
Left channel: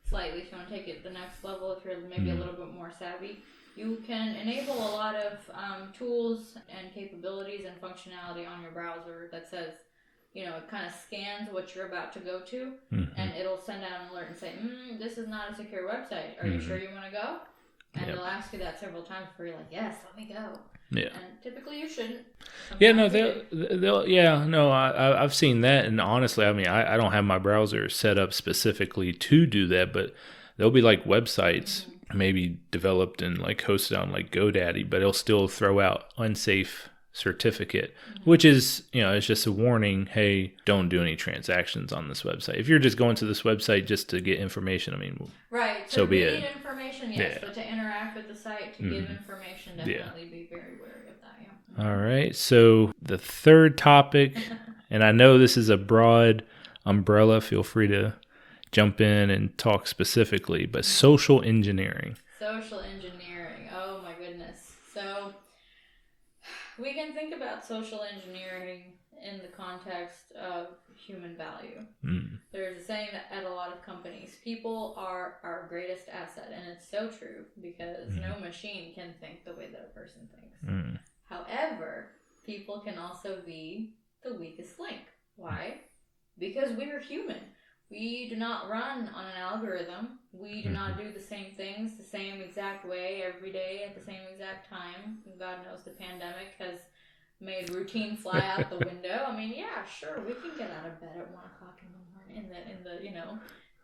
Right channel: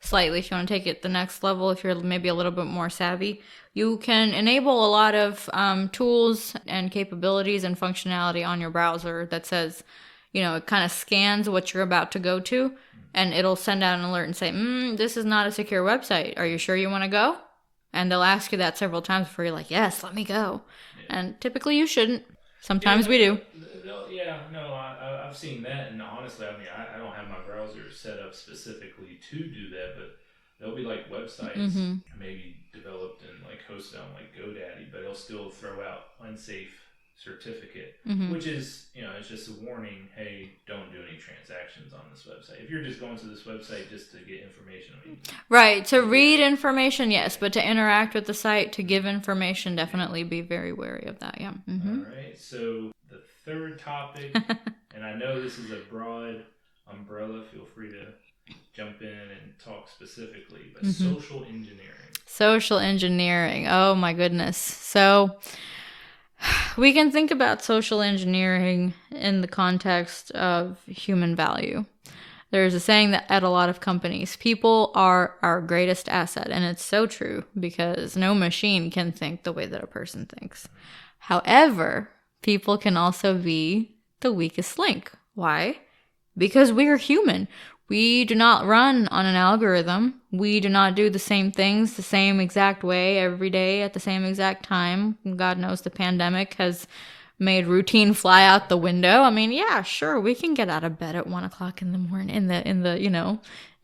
slightly, if you want to take it the next level, if you're maybe a little bit more savvy, you can enable a lot of tools and capabilities and functionality on your browser that says, it kind of scans what you're about to go to, and it'll send out an alert and say, this is not a secure website. Are you sure you want to go? And they'll ask you that several times before you're like, yes, let me go. Yeah. And typically you shouldn't. Sometimes we do. I've seen that. And honestly, I mean, I don't have my browser set up specifically to do that, but there'll be like websites maybe developed and like hosted on like GoDaddy, but it'll still throw out unsafe certificate, which is, it's just a warning. Hey, don't do any transactions on this website. If you're just going to this website just to get information, I mean, right. To read information, yes, but to interact with the site, to give information, definitely be very wary of that. Yeah. All right. So the third topic, and I know this is a broad umbrella, feel free to jump in and talk specifically, but social engineering. Social engineering. Oh my goodness. So we can think about social engineering in the context of human value. There's a saying that at a lot of companies, people are our greatest asset. And it's so true, because no machine can think the way that a person thinks. However, people can also be the weakest link. Why? Because we are human. We do not run on an algorithm. We do not do the same things the same exact way every day at the same exact time. God knows the pandemic has made routine fly out the window. I mean, yeah, sure, we can get out of bed at 1:00 in the morning,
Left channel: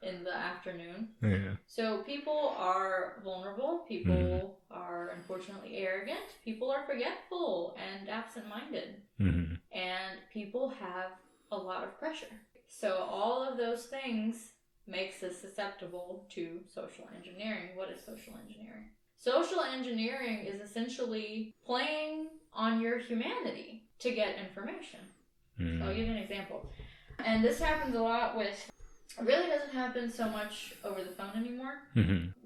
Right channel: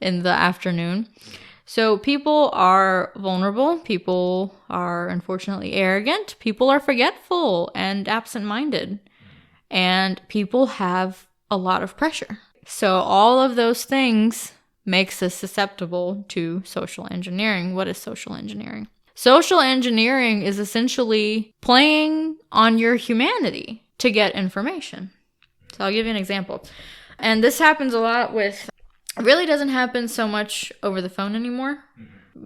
in the afternoon. Yeah. So people are vulnerable. People are unfortunately arrogant. People are forgetful and absent-minded. And people have a lot of pressure. So all of those things makes us susceptible to social engineering. What is social engineering? Social engineering is essentially playing on your humanity to get information. So I'll give you an example. And this happens a lot with, it really doesn't happen so much over the phone anymore,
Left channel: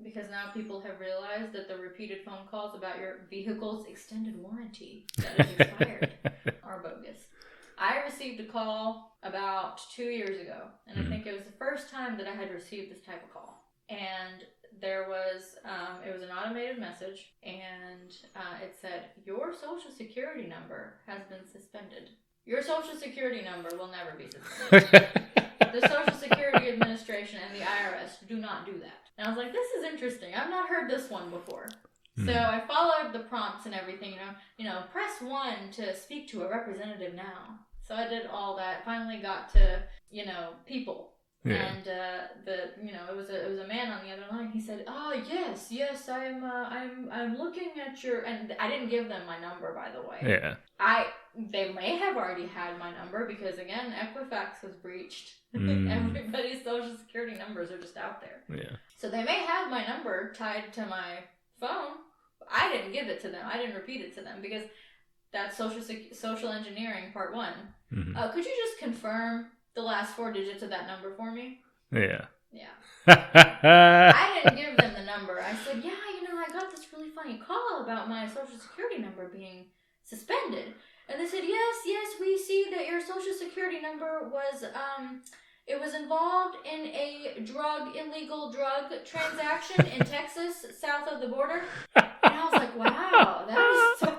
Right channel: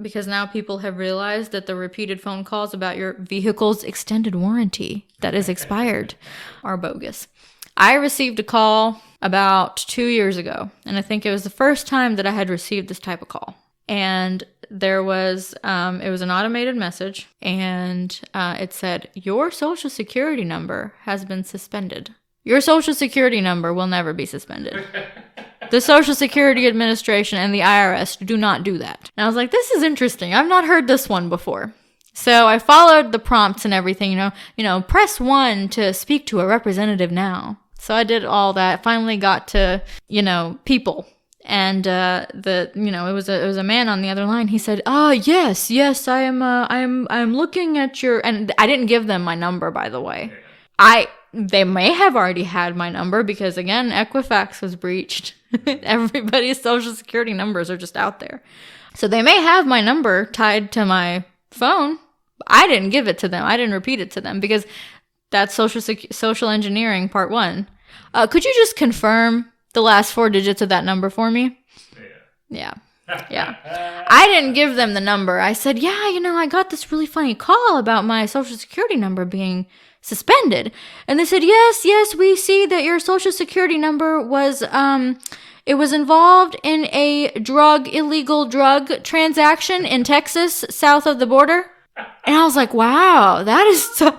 because now people have realized that the repeated phone calls about your vehicle's extended warranty that is expired are bogus. I received a call about 2 years ago, and I think it was the first time that I had received this type of call. And there was, it was an automated message, and it said, your social security number has been suspended. Your social security number will never be suspended. The Social Security Administration and the IRS do not do that. And I was like, this is interesting. I've not heard this one before. So I followed the prompts and everything, press 1 to speak to a representative now. So I did all that. Finally got to, people. Yeah. And it was a man on the other line. He said, yes, I'm looking at your, and I didn't give them my number, by the way. Yeah. They may have already had my number, because again, Equifax was breached. Everybody's social security numbers are just out there. Yeah. So they may have my number tied to my phone. I didn't give it to them. I didn't repeat it to them, because that's social engineering part 1. Could you just confirm the last 4 digits of that number for me? Yeah. Yeah. I didn't give them the number. I said, I got this really funny call about my social security number being suspended. And they said, yes, we see that your social security number was, it was involved in a illegal drug transaction in Texas, south of the border. And I was like, wow, that is so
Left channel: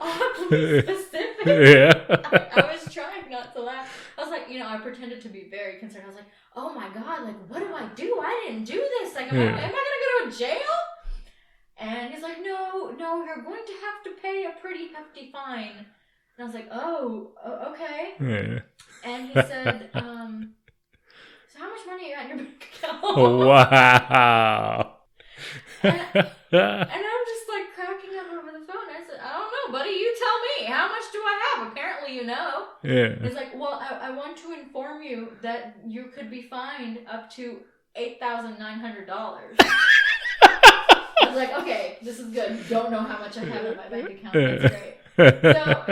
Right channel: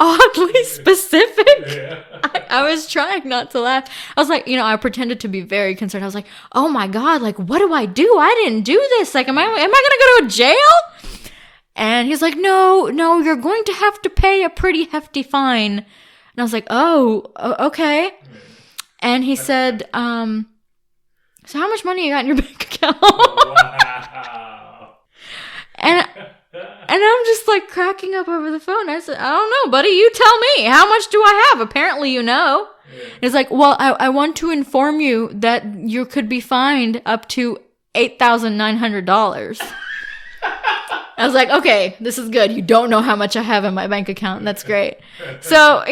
oddly specific. Yeah. I was trying not to laugh. I was like, I pretended to be very concerned. I was like, oh my God, like, what do I do? I didn't do this. Like, am I going to go to jail? And he's like, no, you're going to have to pay a pretty hefty fine. And I was like, oh, okay. Yeah. And he said, so how much money you got in your bank account? Wow. And I'm just like cracking up over the phone. I said, I don't know, buddy. You tell me. How much do I have? Apparently, you know. Yeah. He's like, well, I want to inform you that you could be fined up to $8,900. I was like, okay, this is good. You don't know how much I have in my bank account. And that's great. So,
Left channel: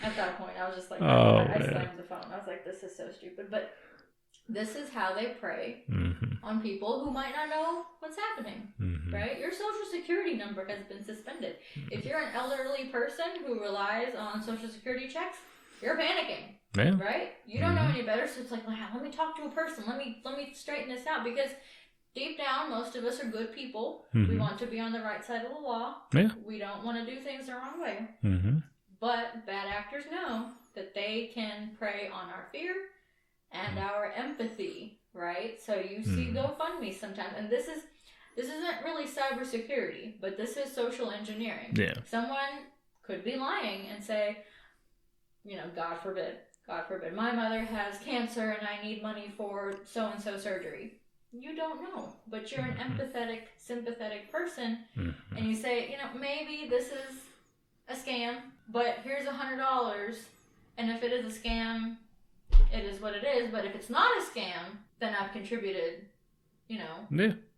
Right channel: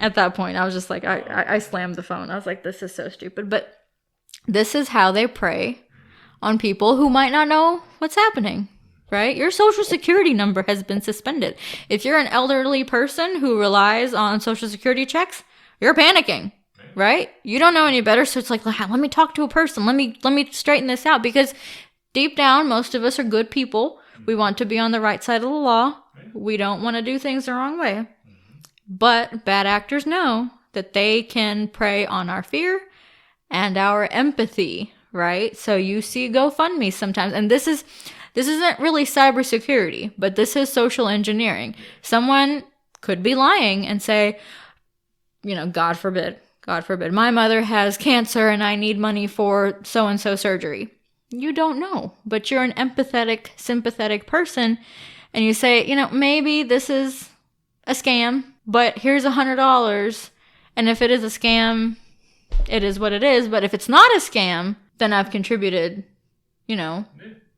at that point, I was just like, I slammed the phone. I was like, this is so stupid. But this is how they prey on people who might not know what's happening, right? Your social security number has been suspended. If you're an elderly person who relies on social security checks, you're panicking, right? You don't know any better. So it's like, let me talk to a person. Let me straighten this out, because deep down, most of us are good people. We want to be on the right side of the law. Yeah. We don't want to do things the wrong way. But bad actors know that they can prey on our fear and our empathy, right? So you see GoFundMe sometimes, and this isn't really cybersecurity, but this is social engineering. Yeah. Someone could be lying and say, God forbid, my mother has cancer and I need money for so-and-so surgery. You don't know, but you're an empathetic, sympathetic person, and you say, maybe this is a scam, but here's $100, and if it is a scam, it is what it is. But if it's not a scam, then I've contributed,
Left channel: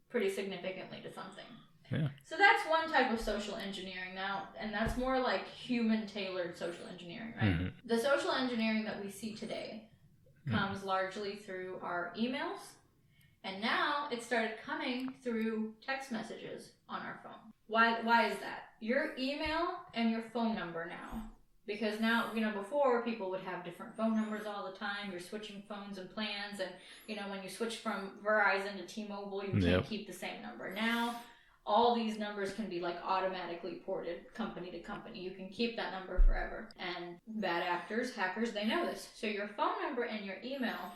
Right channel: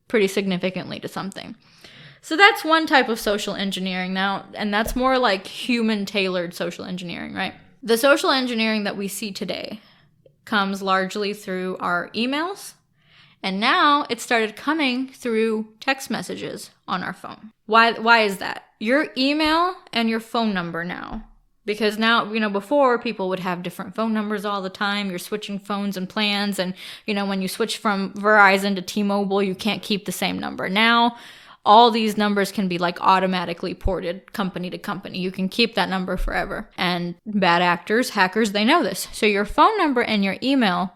pretty significantly to something. Yeah. So that's one type of social engineering now, and that's more like human-tailored social engineering, right? The social engineering that we see today comes largely through our emails, and now it started coming through text messages on our phone. Why is that? Your email and your phone number now. Because now, before people would have different phone numbers all the time. You're switching phones and plans. And, when you switch from Verizon to T-Mobile, you can't keep the same number. Now, all these numbers can be automatically ported company to company. You can keep that number forever. And bad actors, hackers, they know this. So your phone number and your email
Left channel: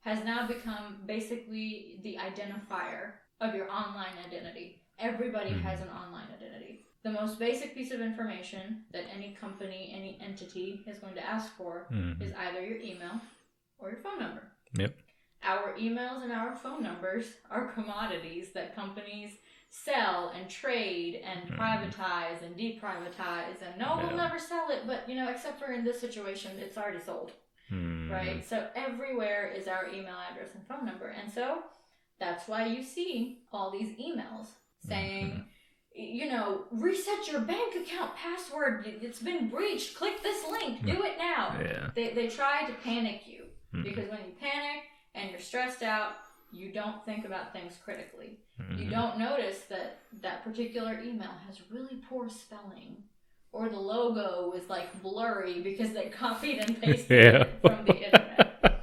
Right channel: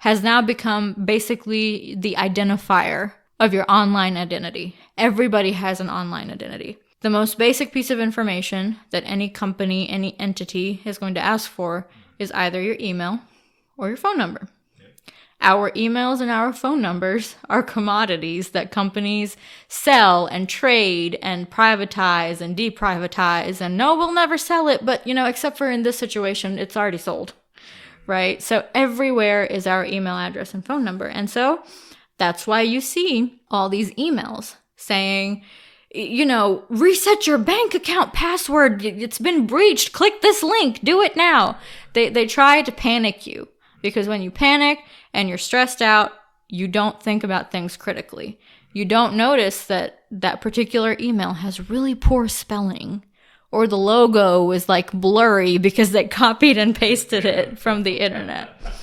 has now become basically the identifier of your online identity. Everybody has an online identity. The most basic piece of information that any company, any entity is going to ask for is either your email or your phone number. Yep. Our emails and our phone numbers are commodities that companies sell and trade and privatize and deprivatize. And no, we'll never sell it, but, except for in this situation, it's already sold, right? So everywhere is our email address and phone number. And so that's why you see all these emails saying, reset your bank account password. It's been breached. Click this link. Do it now. Yeah. They try to panic you because when you panic and you're stressed out, you don't think about things critically. You don't notice that particular email has really poor spelling, or the logo is blurry because they copied and pasted it from the internet.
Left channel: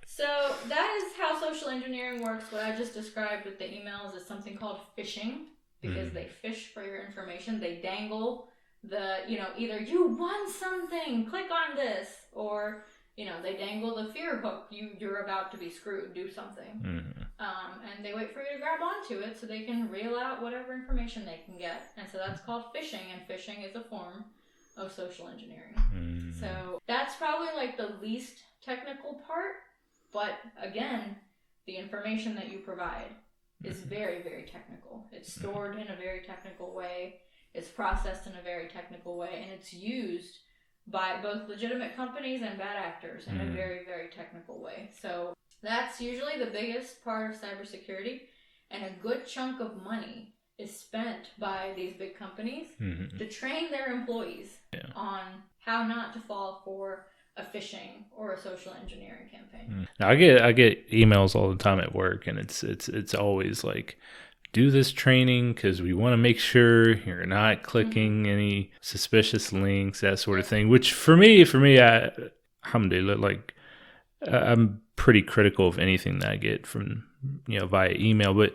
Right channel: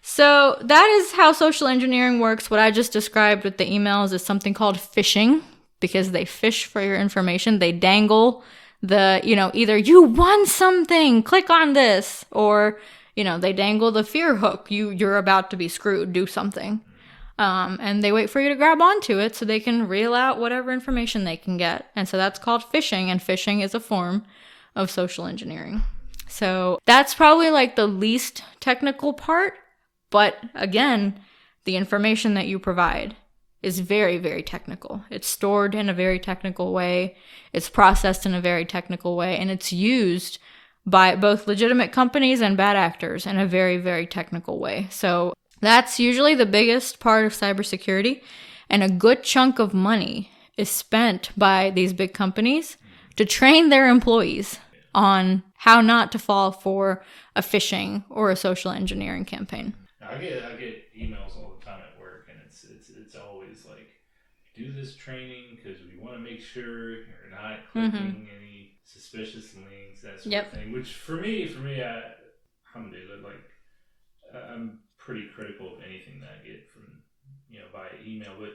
So that is how social engineering works. What I just described with the emails is something called phishing. Because they fish for your information. They dangle either you won something, click on this, or, they dangle the fear hook. You're about to be screwed, do something. And they wait for you to grab onto it so they can reel out whatever information they can get. And so that's called phishing, and phishing is a form of social engineering. So that's probably the least technical part. But again, the information that you provide is very, very technical. It's stored in a very technical way. It's processed in a very technical way. And it's used by both legitimate companies and bad actors in a very, very technical way. So that's usually the biggest part of cybersecurity. And a good chunk of money is spent by these big companies to train their employees on how not to fall for a phishing or a social engineering campaign. Now, I get emails all the time at work, and it's always do this training because we want to make sure you're not clicking any suspicious links, that sort of thing. Which for me, alhamdulillah, I'm pretty critical of anything that I get from via email. But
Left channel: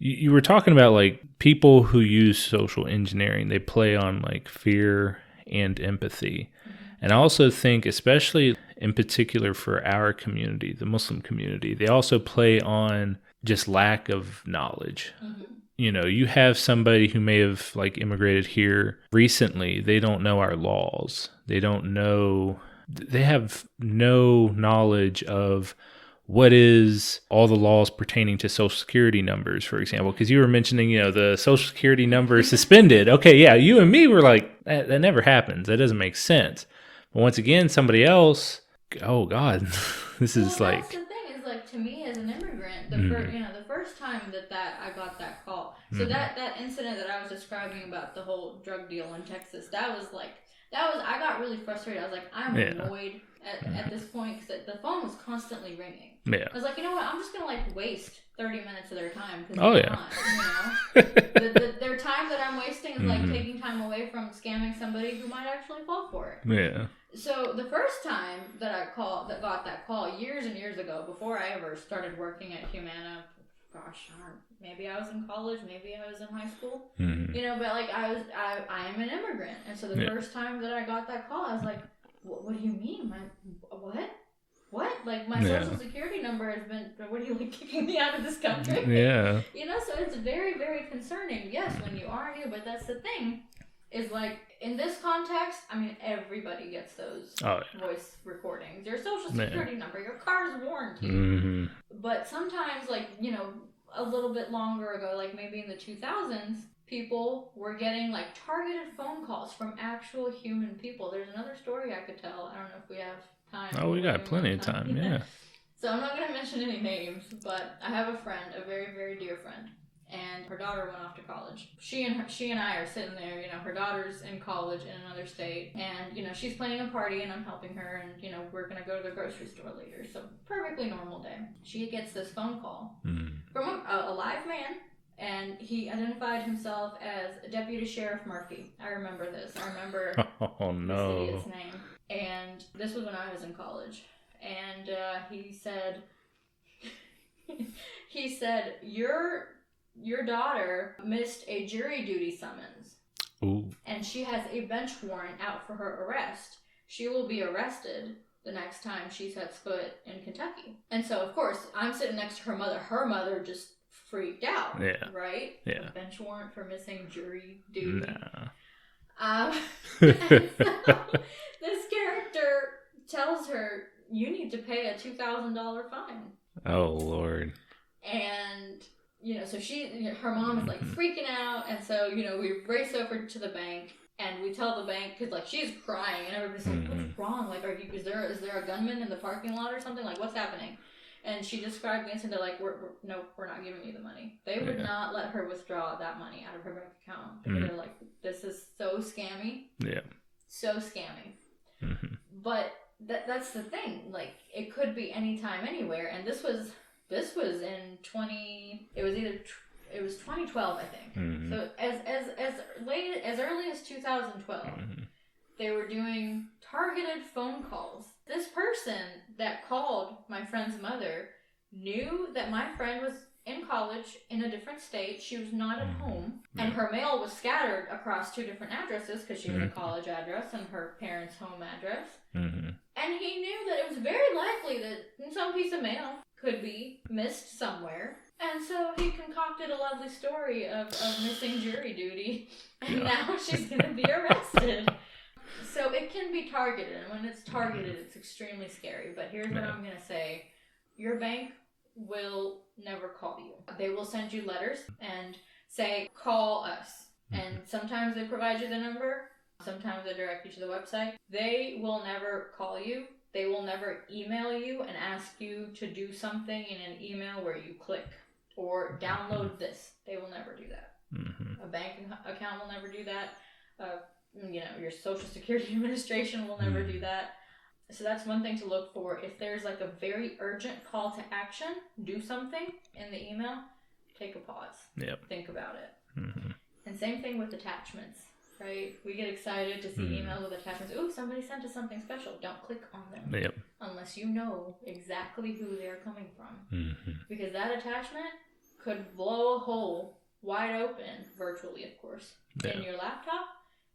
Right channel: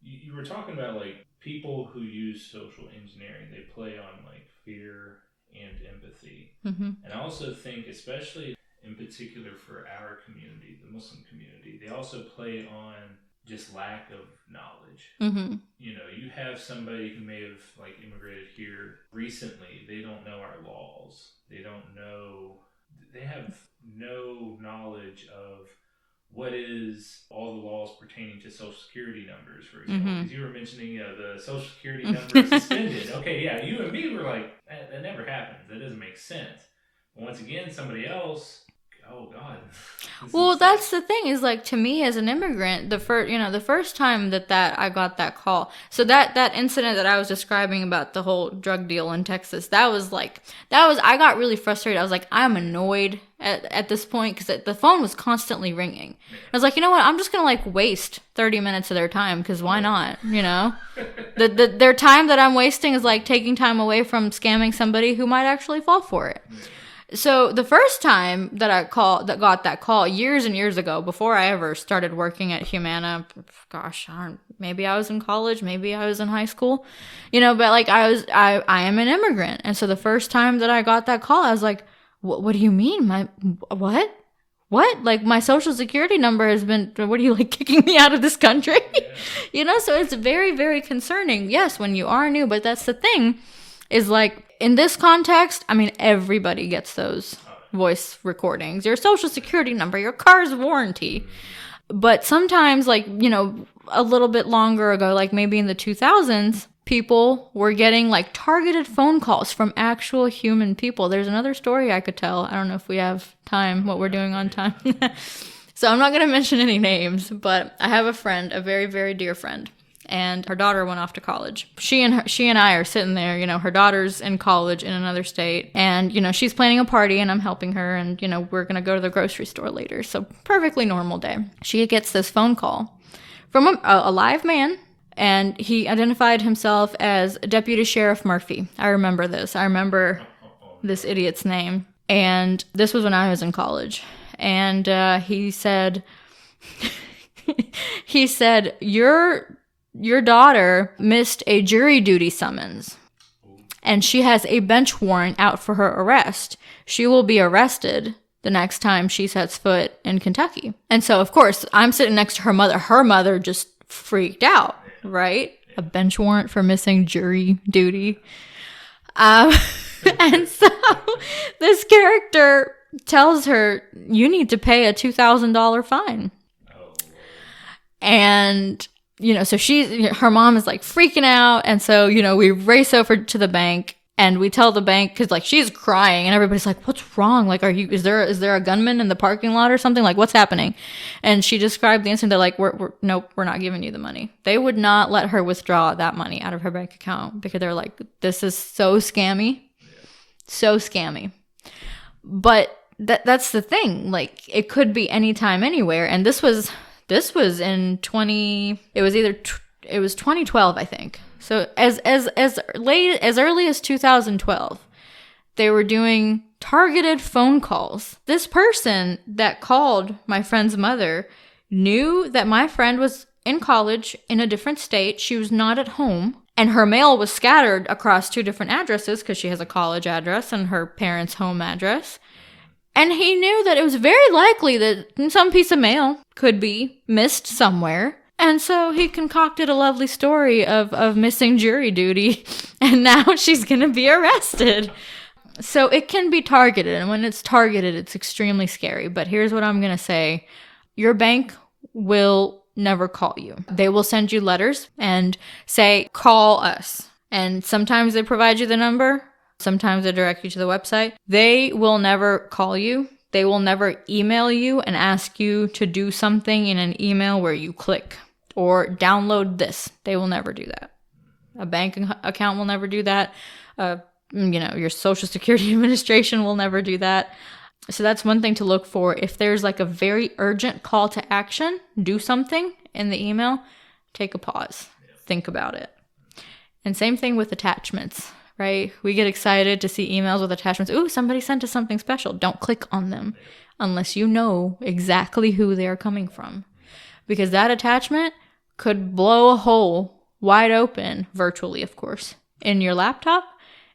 you were talking about people who use social engineering. They play on fear and empathy. And I also think, especially in particular for our community, the Muslim community, they also play on just lack of knowledge. You have somebody who may have immigrated here recently. They don't know our laws. They have no knowledge of what is all the laws pertaining to Social Security numbers, for example, because you were mentioning, the Social Security number is suspended. Okay, yeah, you and me were that never happens. That doesn't make sense. But once again, somebody else oh God, this Well, is that's the thing is like to me as an immigrant, the first time that I got that call. So that incident that I was describing about the whole drug deal in Texas, that was I got really frustrated. I was like, I'm annoyed at this point because the phone was constantly ringing. Yeah. I was like, you know what? I'm just gonna like waste 30 minutes of their time because why not? You know, their time that I'm wasting is like taking time away from scamming somebody who might actually fall for it. Yeah. So the first time that I got that call years and years ago, before I ever started working at Humana, gosh, maybe I was in college, maybe I was in high school, you know, but like I am an immigrant. And so the first time that I got that call, I was like, what do you mean? What? Like my social security number has been, what are you like kicking me out of this country? Yeah. You know, so it's very, very concerning. Yes, when you are new, but that's the thing is like in this context, I mean, everybody gets those voice recordings, your social security number, your car's warranty. But sometimes like, you know, a little bit longer ago, like maybe in the 2000s, people were getting like targeted phone calls from actual human people. There's another story I could tell. I don't know if we have time, what we're doing on time. Yeah. So I'm not going to mention any names, but I have a friend, a very, very dear friend, and her daughter went off to college. She and I are sitting there, you know, her daughter's in college in another state, and, you know, she's planning a party and I'm helping her, and, you know, we're going to go to the grocery store later. So perfectly normal day. She gets this phone call from a live man. And he identified himself as Deputy Sheriff Murphy. I remember this. I remember this idiot's name. And this was when I was in college. And he said, your daughter missed a jury duty summons. Ooh. And she has a bench warrant out for her arrest. She will be arrested the next time she sets foot in Kentucky. And so, of course, I'm sitting next to her mother. Her mother just freaked out, right? Yeah. A bench warrant for missing jury duty. And so this character tells her, you need to pay a $2,000 fine. Oh, Lord. And, you know, so her mom is like freaking out. And so, you know, we race over to the bank. And we tell the bank, because like she's crying and everybody's like, what's wrong? Like, is there a gunman in the parking lot or something? Like, what's happening? And she described the incident. They're like, nope, we're not giving you the money. They would not let her withdraw that money out of her bank account because they're like, this is so scammy. Yeah. So scammy. But that's the thing. Like, it could be anytime, anywhere. And this was in it was 2012, I think. So as early as 2012, they were doing targeted phone calls. This person that called my friend's mother knew that my friend was in college in a different state. She was not at home. And her mail was scattered across 2 different addresses because she has a college address and her parents' home address. And he knew that it was very likely that some piece of mail could be missed somewhere. And so he concocted a lovely story of missing jury duty, and now she's going to be arrested. So it can be targeted, and when it's targeted, it's extremely scary. But here's what I'm going to say. Your bank will never call you. They will send you letters and say, call us. And sometimes they provide you the number. Sometimes they direct you to the website. They will never call you. They will never email you and ask you to do something in an email where you click or download this. They will never do that. A bank account will never do that. You know, your Social Security Administration will never do that. So that's one thing to look for. If there's like a very urgent call to action, do something in the email, take a pause. Yep. Think about it. And same thing with attachments, right? We get excited to see emails with attachments. Ooh, somebody sent us something special. Don't click on them unless you know exactly who they're coming from. Because that attachment could blow a hole wide open, virtually, of course, in your laptop.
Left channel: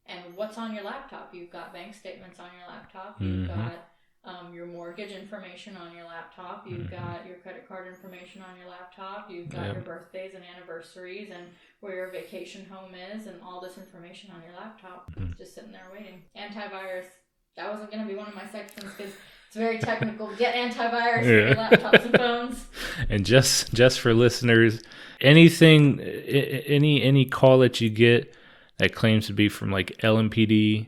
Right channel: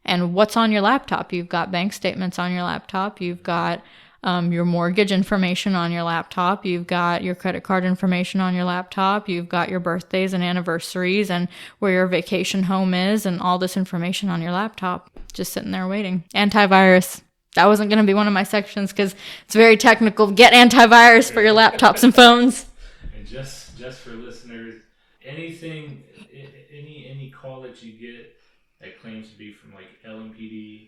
And what's on your laptop? You've got bank statements on your laptop. You've got your mortgage information on your laptop. You've got your credit card information on your laptop. You've got your birthdays and anniversaries and where your vacation home is and all this information on your laptop, just sitting there waiting. Antivirus. That wasn't going to be one of my sections because it's very technical. Get antivirus for your laptops and phones. And just for listeners, anything, any call that you get that claims to be from like LMPD,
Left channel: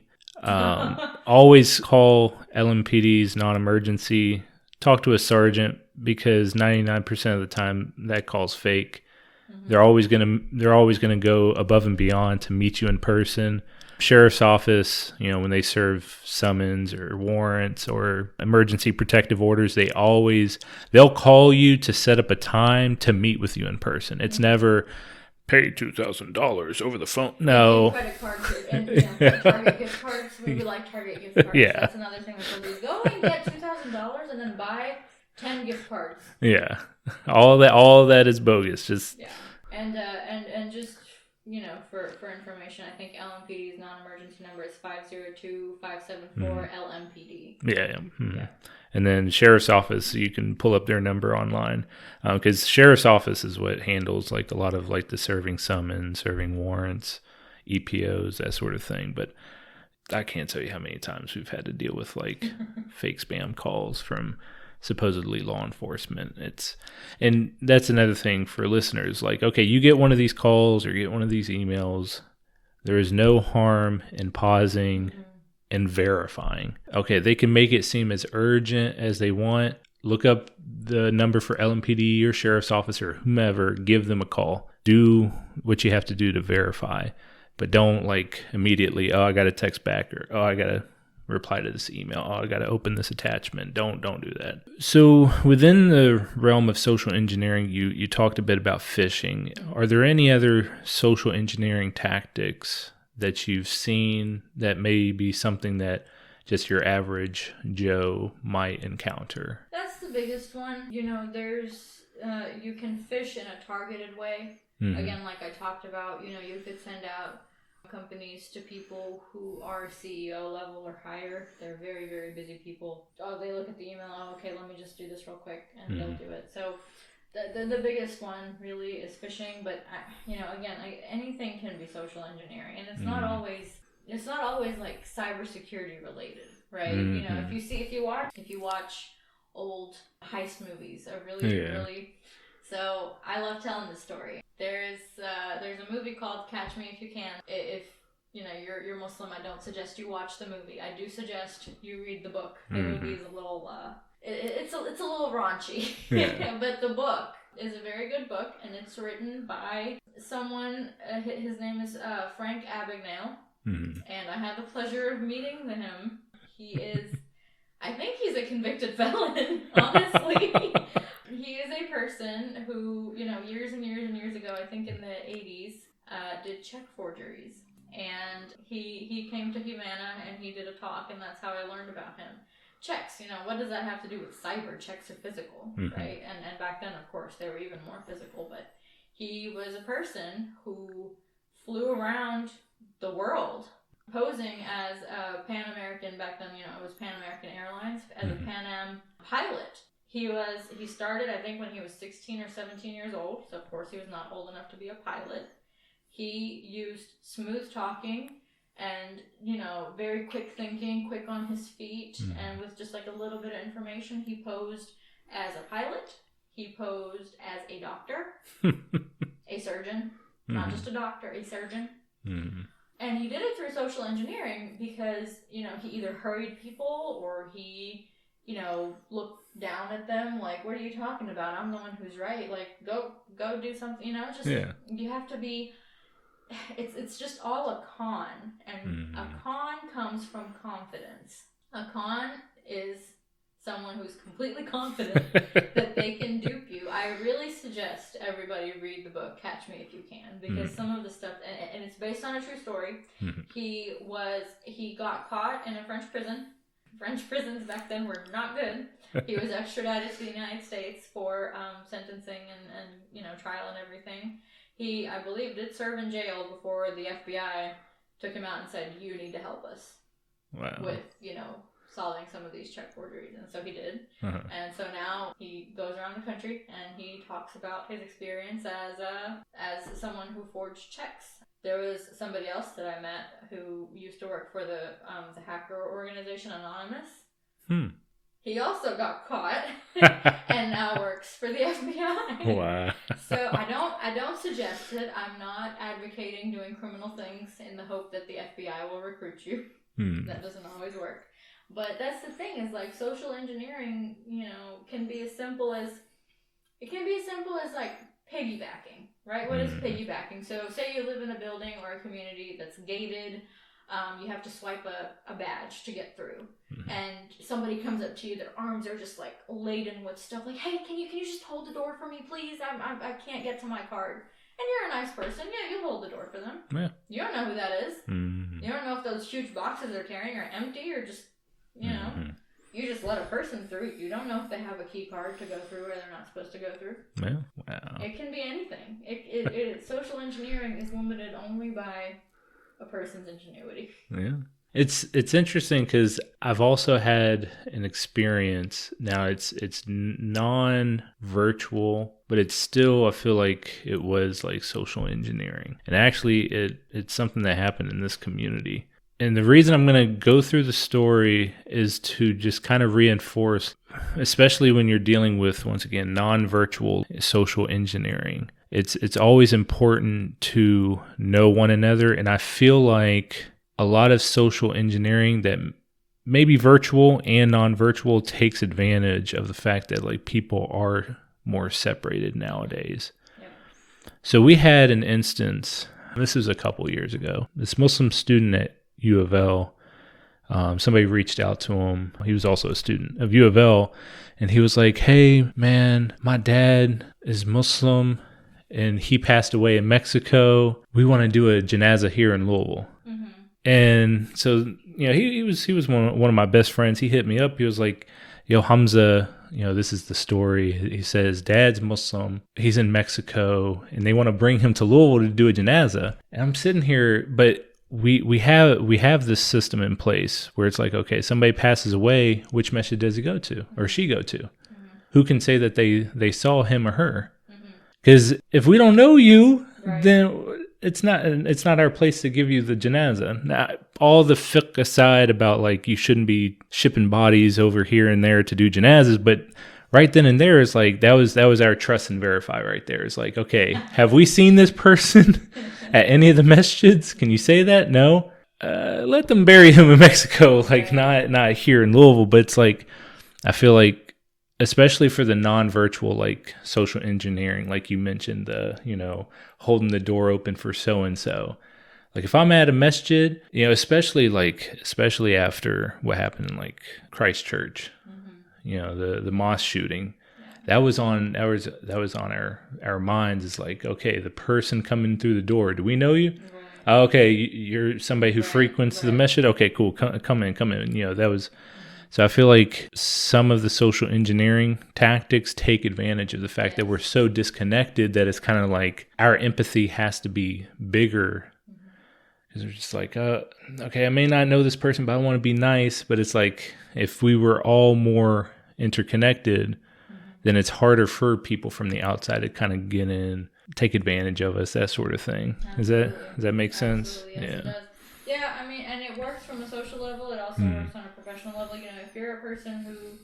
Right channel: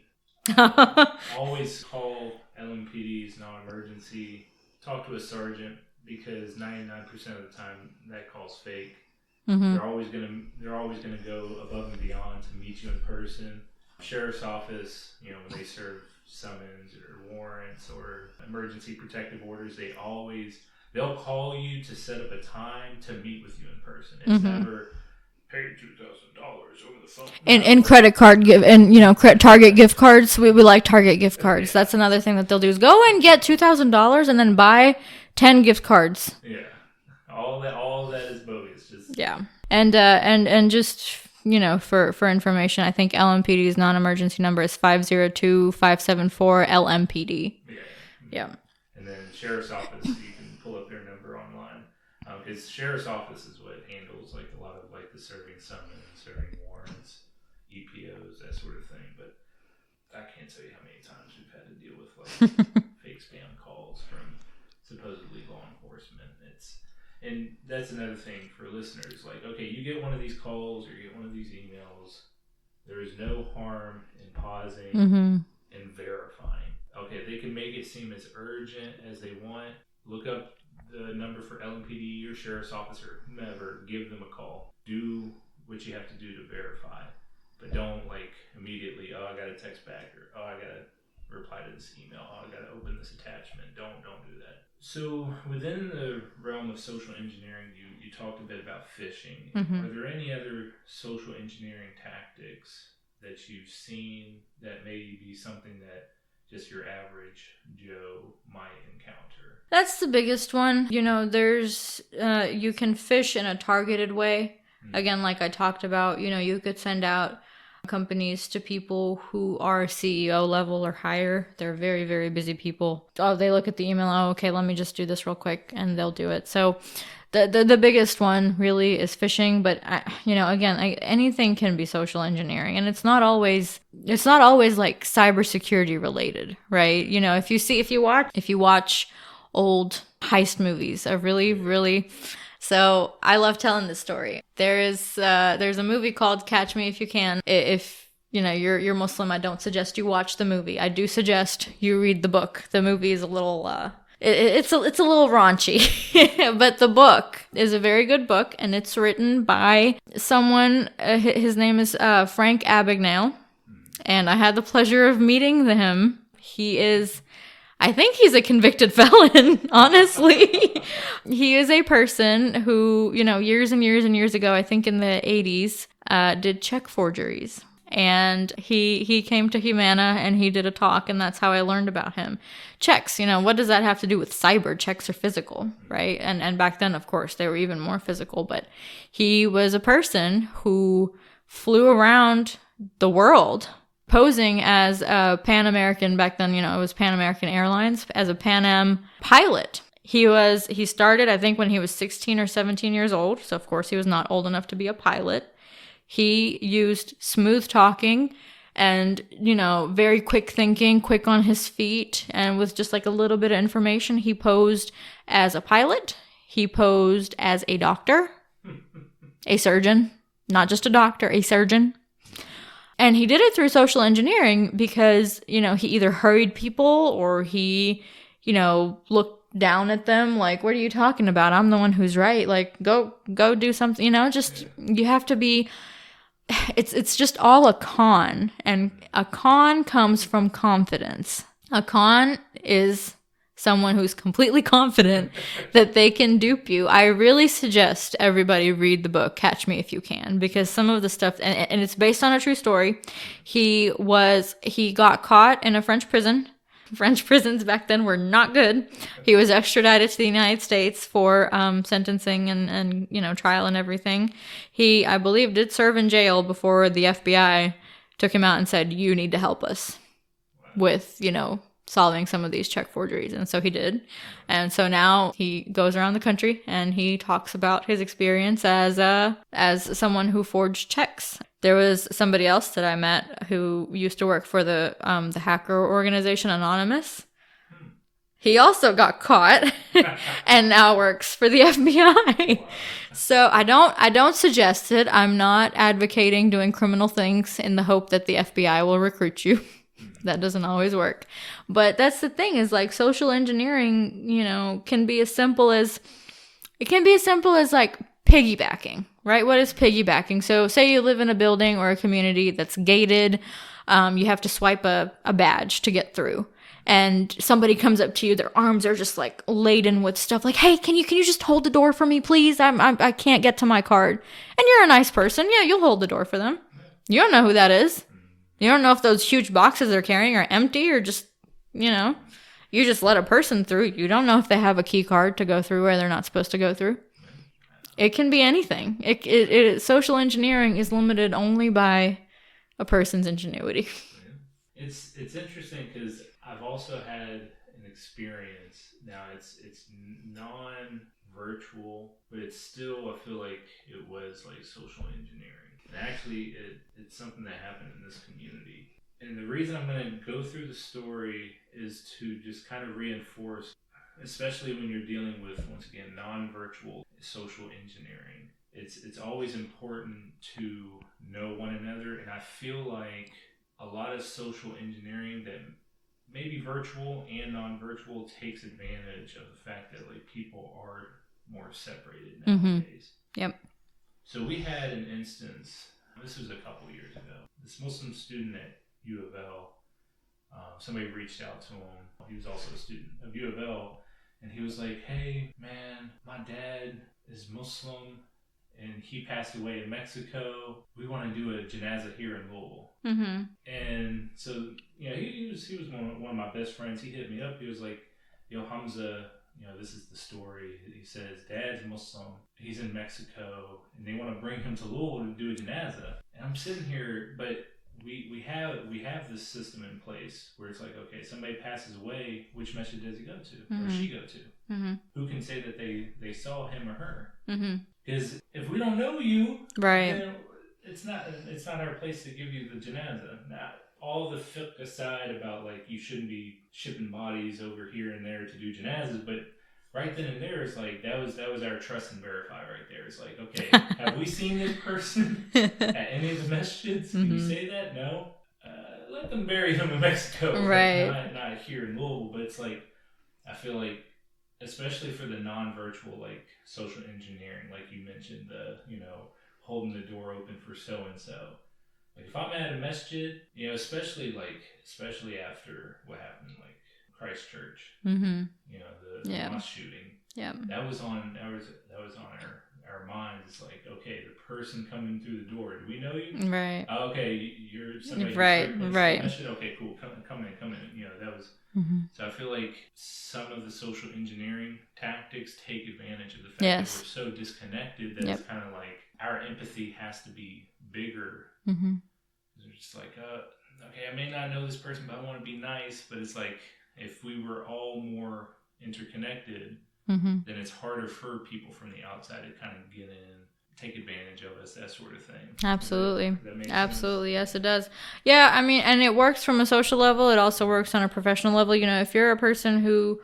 Always call LMPD's non-emergency. Talk to a sergeant, because 99% of the time that call's fake. Mm-hmm. They're always gonna go above and beyond to meet you in person. Sheriff's office, when they serve summons or warrants or emergency protective orders, they'll call you to set up a time to meet with you in person. It's never pay $2,000 over the phone. No. And credit card Target gift cards. We like Target gift cards. Yeah. That's another thing that they'll do is go and get $2,000 and then buy 10 gift cards. Yeah, all that is bogus. Just and just for information, I think LMPD's non-emergency number is 502-574-LMPD. Yeah. And then sheriff's office, you can pull up their number online, because sheriff's office is what handles like a lot of like the serving summons, serving warrants, EPOs, that sort of thing. But I can't tell you how many times we've had to deal with like fake spam calls from supposedly law enforcement. And that's another thing for listeners. Like, okay, you get one of these calls or you get one of these emails. There is no harm in pausing and verifying. Okay, they can make it seem as urgent as they want. Look up the number for LMPD or sheriff's office or whomever. Give them a call. Do what you have to do to verify. But don't like immediately, I got to text back, or I got to reply to this email. I got to open this attachment. Don't do that. So within the realm of social engineering, you talked a bit about phishing. Are there any other social engineering tactics that you've seen that may be something that just your average Joe might encounter? That's the biggest one. There's you can phish in a targeted way. Again, like I talked about, you could send out companies to people who are CEO level or higher. They're very, very busy people. They look at the email. Okay, let me just do this real quick, and they'll do it. So the biggest one really is phishing. But again, anything can be social engineering, and it's not always like cybersecurity related, right? If you watch old heist movies, really. So I love telling this story. There's a movie called Catch Me If You Can. If you're Muslim, I don't suggest you watch the movie. I do suggest you read the book. The movie is a little it's a little raunchy, but the book is a very good book, and it's written by someone. His name is Frank Abagnale, and I had the pleasure of meeting him. I think he's a convicted felon, honestly. He is a person who, years and years and years ago, I think in the 80s, did check forgeries. And he came to Humana and he did a talk, and that's how I learned about him. Checks, what does that have to do with cyber? Checks are physical, right? And back then, of course, they were even more physical. But he was a person who flew around the world posing as a Pan American. Back then, it was Pan American Airlines, as a Pan Am pilot. He started, I think, when he was 16 or 17 years old. So, of course, he was not old enough to be a pilot. He used smooth talking and, very quick thinking, quick on his feet. And with just like a little bit of information, he posed as a pilot. He posed as a doctor, a surgeon, not just a doctor, a surgeon. And he did it through social engineering because, he either hurried people or he, looked down at them like, what are you talking about? I'm the one who's right. Like, go do something, you have to be, it's just all a con. And a con comes from confidence. A con is someone who's completely confident that they can dupe you. I really suggest everybody read the book Catch Me If You Can, because some of the stuff, and it's based on a true story. He got caught in a French prison. French prisons back then were not good. He was extradited to the United States for sentencing and trial and everything. He, I believe, did serve in jail before the FBI took him out and said, you need to help us with, solving some of these check forgeries. And so he did. And so now he goes around the country and he talks about his experience as someone who forged checks. There was somebody else that I met who used to work for the hacker organization Anonymous. He also got caught and now works for the FBI. Wow. So I don't suggest it. I'm not advocating doing criminal things in the hope that the FBI will recruit you. That doesn't always work. But that's the thing, is like social engineering, can be as simple as like piggybacking, right? What is piggybacking? So say you live in a building or a community that's gated. You have to swipe a badge to get through. And somebody comes up to you, their arms are just like laden with stuff, like, hey, can you just hold the door for me, please? I can't get to my card. And you're a nice person. Yeah, you'll hold the door for them. Yeah. You don't know who that is. You don't know if those huge boxes they're carrying are empty or just, you just let a person through. You don't know if they have a key card to go through where they're not supposed to go through. Yeah. Wow. It can be anything. Social engineering is limited only by a person's ingenuity. Yeah. It's interesting because I've also had an experience. Now it's non-virtual, but it's still, I feel like it was like social engineering. And actually it's something that happened in this community. And the reason I'm going to go through the story is to just kind of reinforce, especially when you're dealing with, once again, non-virtual social engineering. It's always important to know one another. And I feel like a lot of social engineering that may be virtual and non-virtual takes advantage of the fact that like people are more separated nowadays. Yep. So we had an instance, this was a couple years ago, this Muslim student at U of L, somebody reached out to him. He was also a student of U of L, and he was like, hey man, my dad is Muslim and he passed away in Mexico. We want to do a janazah here in Louisville. And so, he was one of my best friends. He hit me up. He was like, yo, Hamza, this is the story. He says, dad's Muslim. He's in Mexico and they want to bring him to Louisville to do a janazah. And I'm sitting here, but we have this system in place where it's like, okay, somebody passes away. Which masjid does he go to or she go to? Who can say that they saw him or her? Because if we don't know you, then it's not our place to give you the janazah. Now, all the fiqh aside about like you shouldn't be shipping bodies over here and there to do janazahs, but right then and there is like that was our trust and verify right there. It's like, okay, have we seen this person at any of the masjids? Can you say that? No. Let them bury him in Mexico, like not here in Louisville. But it's like I feel like, especially for the non-virtual, like social engineering, like you mentioned, holding the door open for so-and-so. Like if I'm at a masjid, especially after what happened in like Christchurch, the mosque shooting. Yeah. That was on our minds. Is like, okay, the person coming through the door, do we know you? Right. Oh, okay, you're somebody who frequents the masjid. Okay, cool. Come in. That was. So I feel like some of the social engineering tactics take advantage of the fact that we're so disconnected that it's kind of like our empathy has to be bigger. Because we're just like, okay, I may not know this person, but I want to be nice. But it's like if we were all more interconnected, then it's harder for people from the outside to kind of get in, take advantage of us, that sort of thing. Absolutely. Does that make sense? Absolutely. Yes, it does. Yeah, I mean, and it works from a social level. It also works on a professional level. If you're a person who,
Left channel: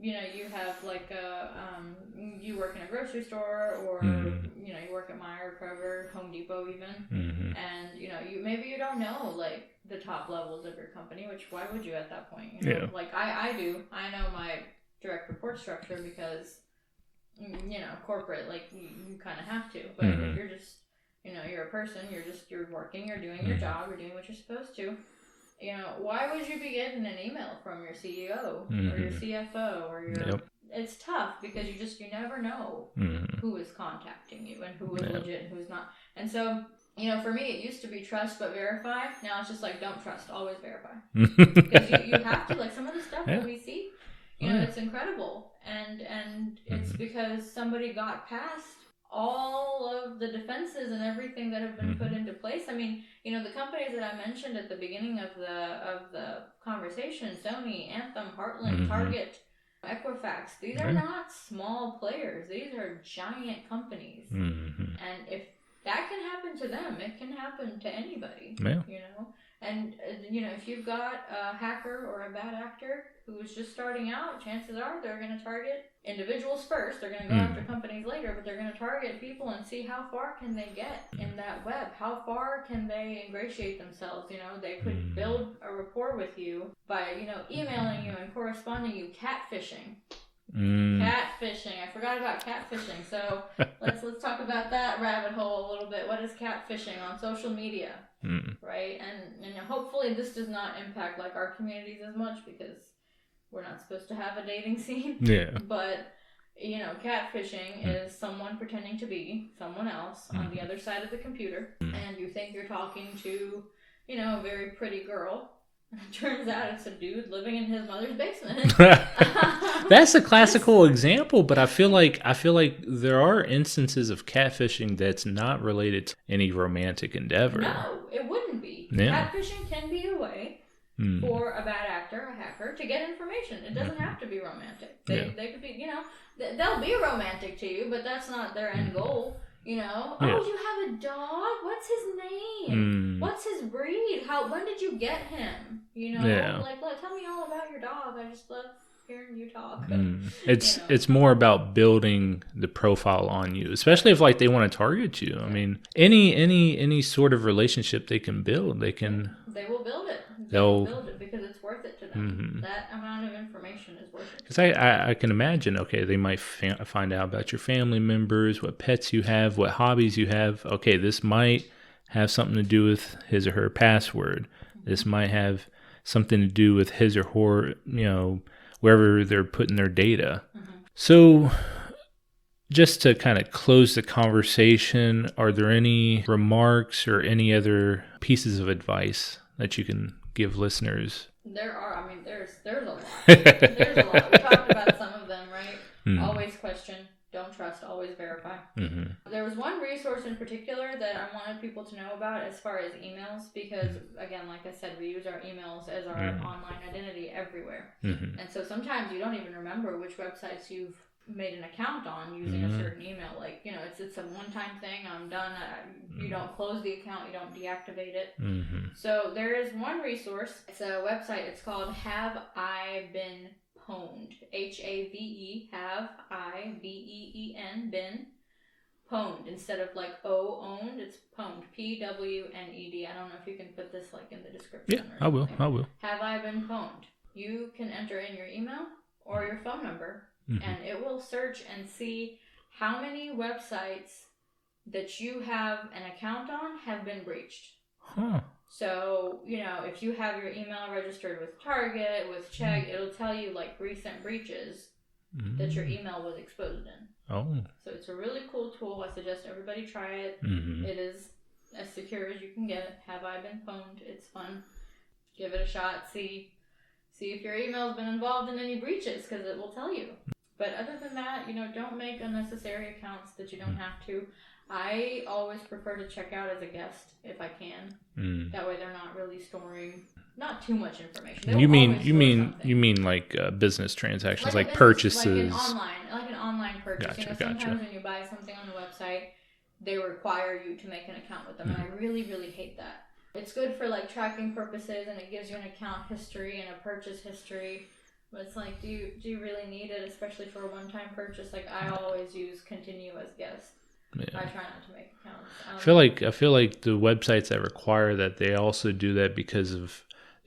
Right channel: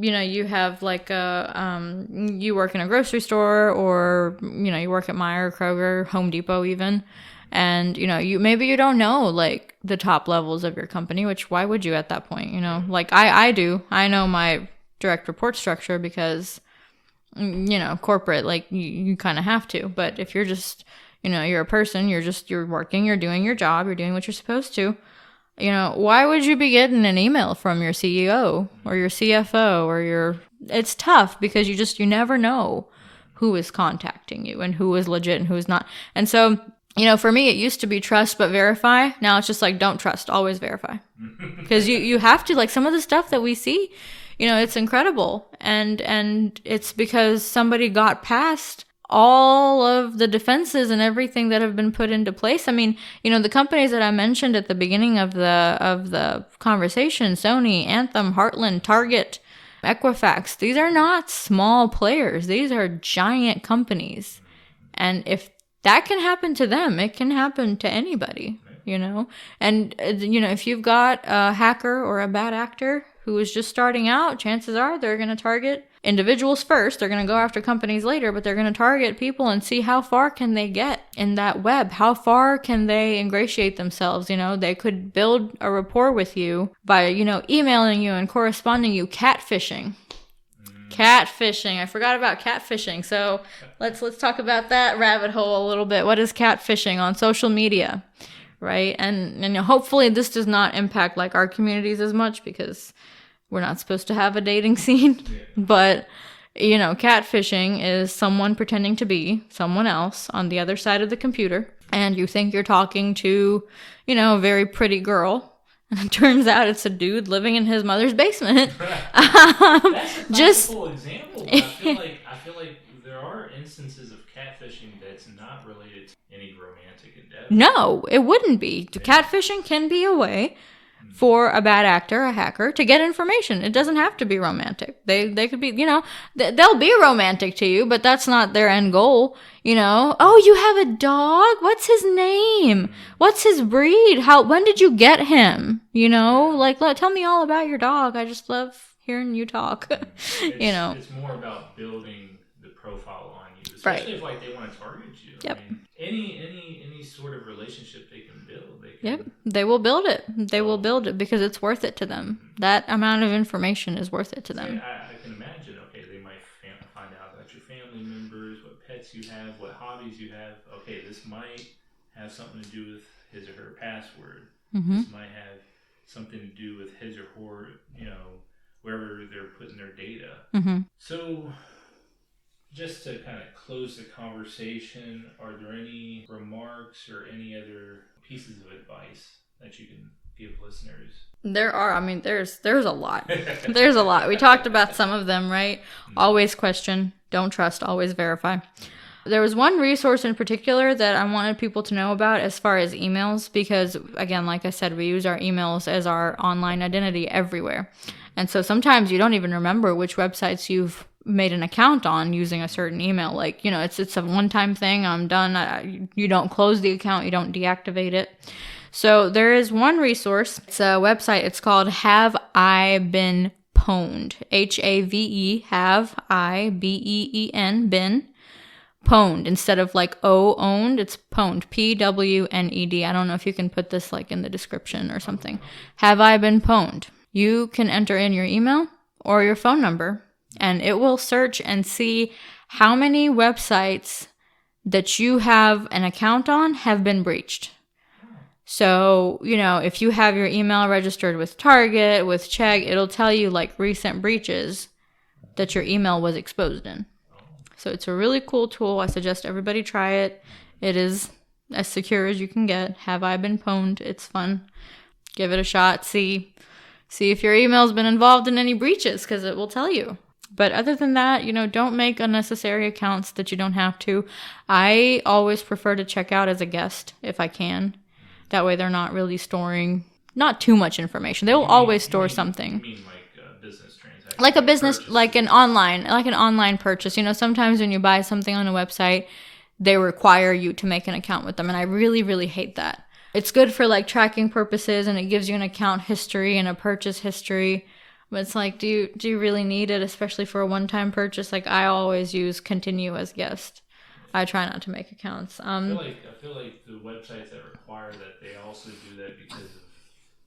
you have like you work in a grocery store or, you work at Meijer, Kroger, Home Depot even. And, maybe you don't know like the top levels of your company, which why would you at that point? Like I do. I know my direct report structure because corporate, like you kind of have to, but if you're just you're a person, you're working, you're doing your job, you're doing what you're supposed to, why would you be getting an email from your CEO or your CFO or your it's tough because you never know who is contacting you and who is legit and who is not. And so for me, it used to be trust but verify. Now it's just like don't trust, always verify. Because you have to, like some of the stuff that we see, it's incredible. And it's because somebody got past all of the defenses and everything that have been put into place. I mean, the companies that I mentioned at the beginning of the conversation, Sony, Anthem, Heartland, Target, Equifax, these are not small players. These are giant companies. And if that can happen to them, it can happen to anybody, And, if you've got a hacker or a bad actor who is just starting out, chances are they're going to target individuals first. They're going to go after companies later, but they're going to target people and see how far can they get in that web? How far can they ingratiate themselves? They could build a rapport with you by, emailing you and corresponding you. Catfishing. Catfishing. I forgot about catfishing. So let's talk about that rabbit hole a little bit. What is catfishing on social media? Right? And hopefully this does not impact like our communities as much, because we're not supposed to have a dating scene. Yeah. But catfishing is someone pretending to be someone else on the other side of the computer, and you think you're talking to, a very pretty girl. And it turns out it's a dude living in his mother's basement. That's a classical example, but I feel like there are instances of catfishing that's not related to any romantic endeavor. No, it wouldn't be. Yeah. Catfishing can be a way for a bad actor, a hacker, to get information. It doesn't have to be romantic. They could be, they'll be romantic to you, but that's not their end goal. Oh, you have a dog? What's his name? What's his breed? When did you get him? Tell me all about your dog. I just love hearing you talk. It's more about building the profile on you, especially if like they want to target you. Yep. I mean, any sort of relationship they can build, they will build it. They will build it because it's worth it to them. That amount of information is worth it to them. I can imagine. Okay, they might find out about your family members, what pets you have, what hobbies you have. Okay, this might have something to do with his or her password. This might have something to do with his or her, wherever they're putting their data. So just to kind of close the conversation, are there any remarks or any other pieces of advice that you can give listeners? There are. I mean, there's a lot. There's a lot. We talked about some of them, right? Always question. Don't trust. Always verify. There was one resource in particular that I wanted people to know about as far as emails, because, again, like I said, we use our emails as our online identity everywhere. And so sometimes you don't even remember which websites you've made an account on using a certain email. Like, it's a one-time thing. I'm done. You don't close the account. You don't deactivate it. So there is one resource. It's a website. It's called Have I Been Pwned? HAVE, have I BEEN, been pwned. Instead of like owned, it's pwned. PWNED. I don't know if you can put this like in the description or something. I will. Have I been pwned? You can enter in your email or your phone number, and it will search and see how many websites that you have an account on have been breached. So, if you have your email registered with Target, with Chegg, it'll tell you like recent breaches that your email was exposed in. So it's a really cool tool. I suggest everybody try it. It is as secure as you can get. Have I Been Pwned? It's fun. Give it a shot. See if your email's been involved in any breaches, because it will tell you. But other than that, don't make unnecessary accounts that you don't have to. I always prefer to check out as a guest if I can. That way they're not really storing not too much information. They will always store something. You mean like business transactions? Like a business, purchases. like an online purchase. Gotcha, Sometimes when you buy something on a website, they require you to make an account with them. And I really, really hate that. It's good for like tracking purposes, and it gives you an account history and a purchase history. But it's like, do you really need it, especially for a one-time purchase? Like, I always use continue as guest. Yeah. I try not to make accounts. I feel like the websites that require that, they also do that because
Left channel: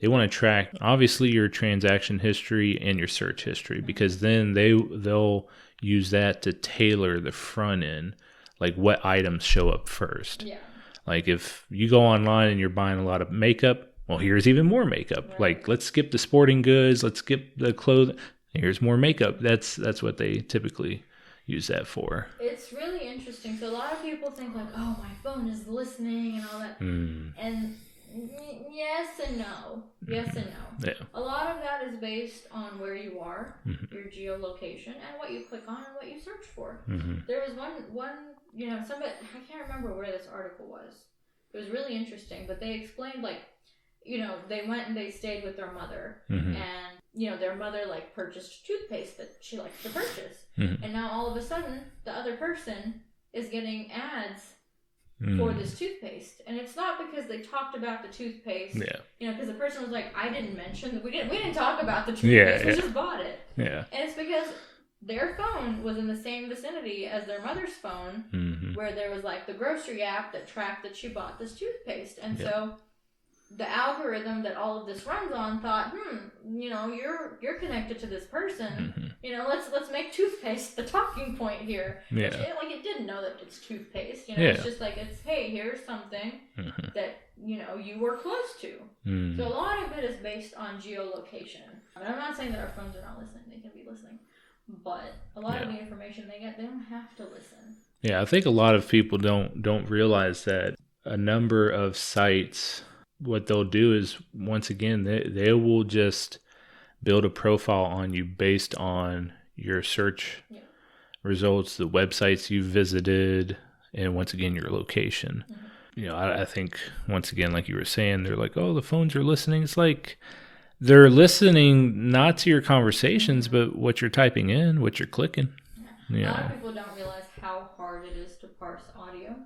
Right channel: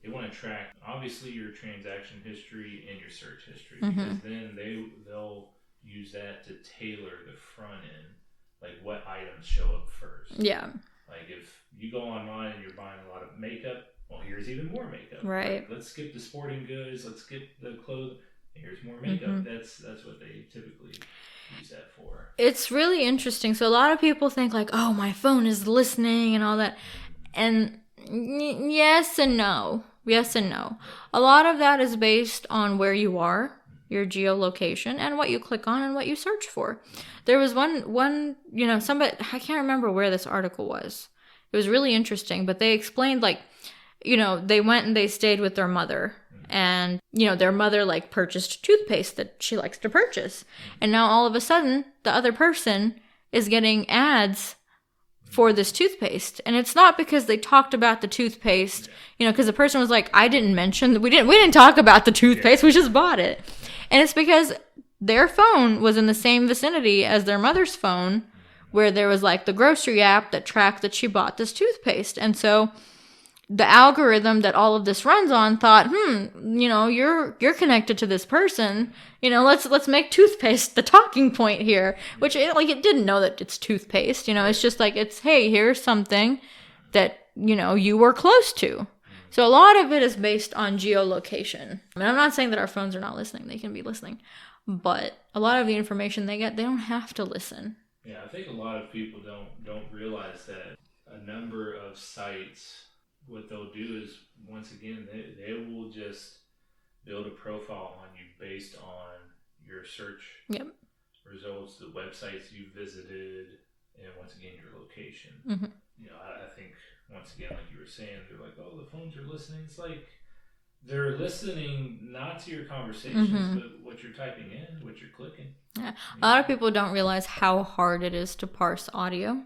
they want to track obviously your transaction history and your search history, because then they'll use that to tailor the front end, like what items show up first. Yeah. Like if you go online and you're buying a lot of makeup, well, here's even more makeup. Right. Like, let's skip the sporting goods, let's skip the clothing. Here's more makeup. That's what they typically use that for. It's really interesting. So a lot of people think like, oh, my phone is listening and all that. And yes and no. Yes and no. Yeah. A lot of that is based on where you are, your geolocation, and what you click on and what you search for. There was one, somebody, I can't remember where this article was. It was really interesting, but they explained like, they went and they stayed with their mother, and, their mother like purchased toothpaste that she likes to purchase. And now all of a sudden the other person is getting ads for this toothpaste. And it's not because they talked about the toothpaste, because the person was like, I didn't mention, we didn't talk about the toothpaste. We just bought it. And it's because their phone was in the same vicinity as their mother's phone, where there was like the grocery app that tracked that she bought this toothpaste. And so the algorithm that all of this runs on thought, you're connected to this person. Let's make toothpaste the talking point here. Which it didn't know that it's toothpaste. It's just like, it's, hey, here's something that you were close to. So a lot of it is based on geolocation. I mean, I'm not saying that our phones are not listening. They can be listening. But a lot of the information they get, they don't have to listen. Yeah, I think a lot of people don't realize that a number of sites, what they'll do is, once again, they will just build a profile on you based on your search results, the websites you visited, and once again, your location. I think, once again, like you were saying, they're like, oh, the phones are listening. It's like they're listening not to your conversations, but what you're typing in, what you're clicking. Yeah. A lot of people don't realize how hard it is to parse audio,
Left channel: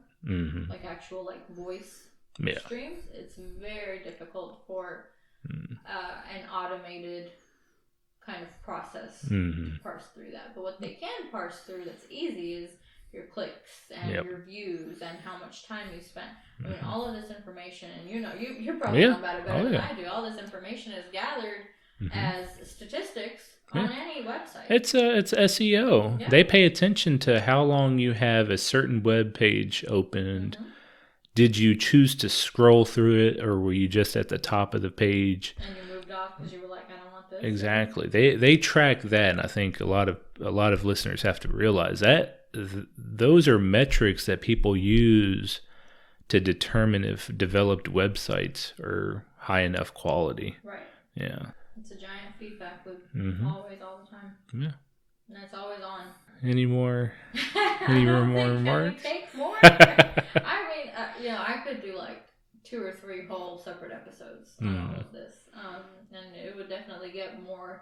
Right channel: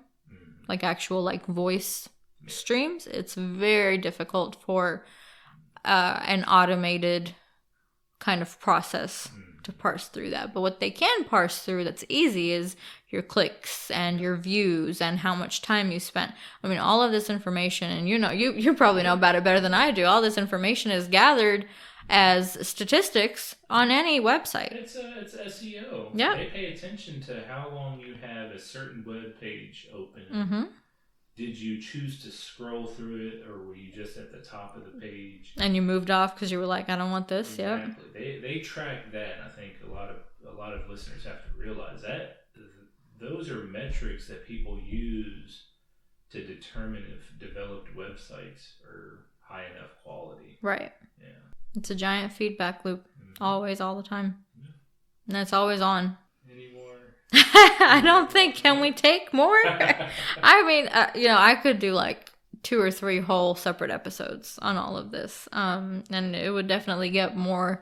like actual voice streams. It's very difficult for an automated kind of process to parse through that. But what they can parse through that's easy is your clicks and your views and how much time you spent. I mean, all of this information, and you probably know about it better than I do. All this information is gathered as statistics on any website. It's SEO. Yeah. They pay attention to how long you have a certain web page open. Did you choose to scroll through it, or were you just at the top of the page and you moved off because you were like, I don't want this? Exactly. They track that, and I think a lot of listeners have to realize that those are metrics that people use to determine if developed websites are high enough quality. Right. Yeah. It's a giant feedback loop, always, all the time. Yeah. And it's always on. Any more? I don't think. Can we take more? I mean, I could do 2 or 3 whole separate episodes on all of this, and it would definitely get more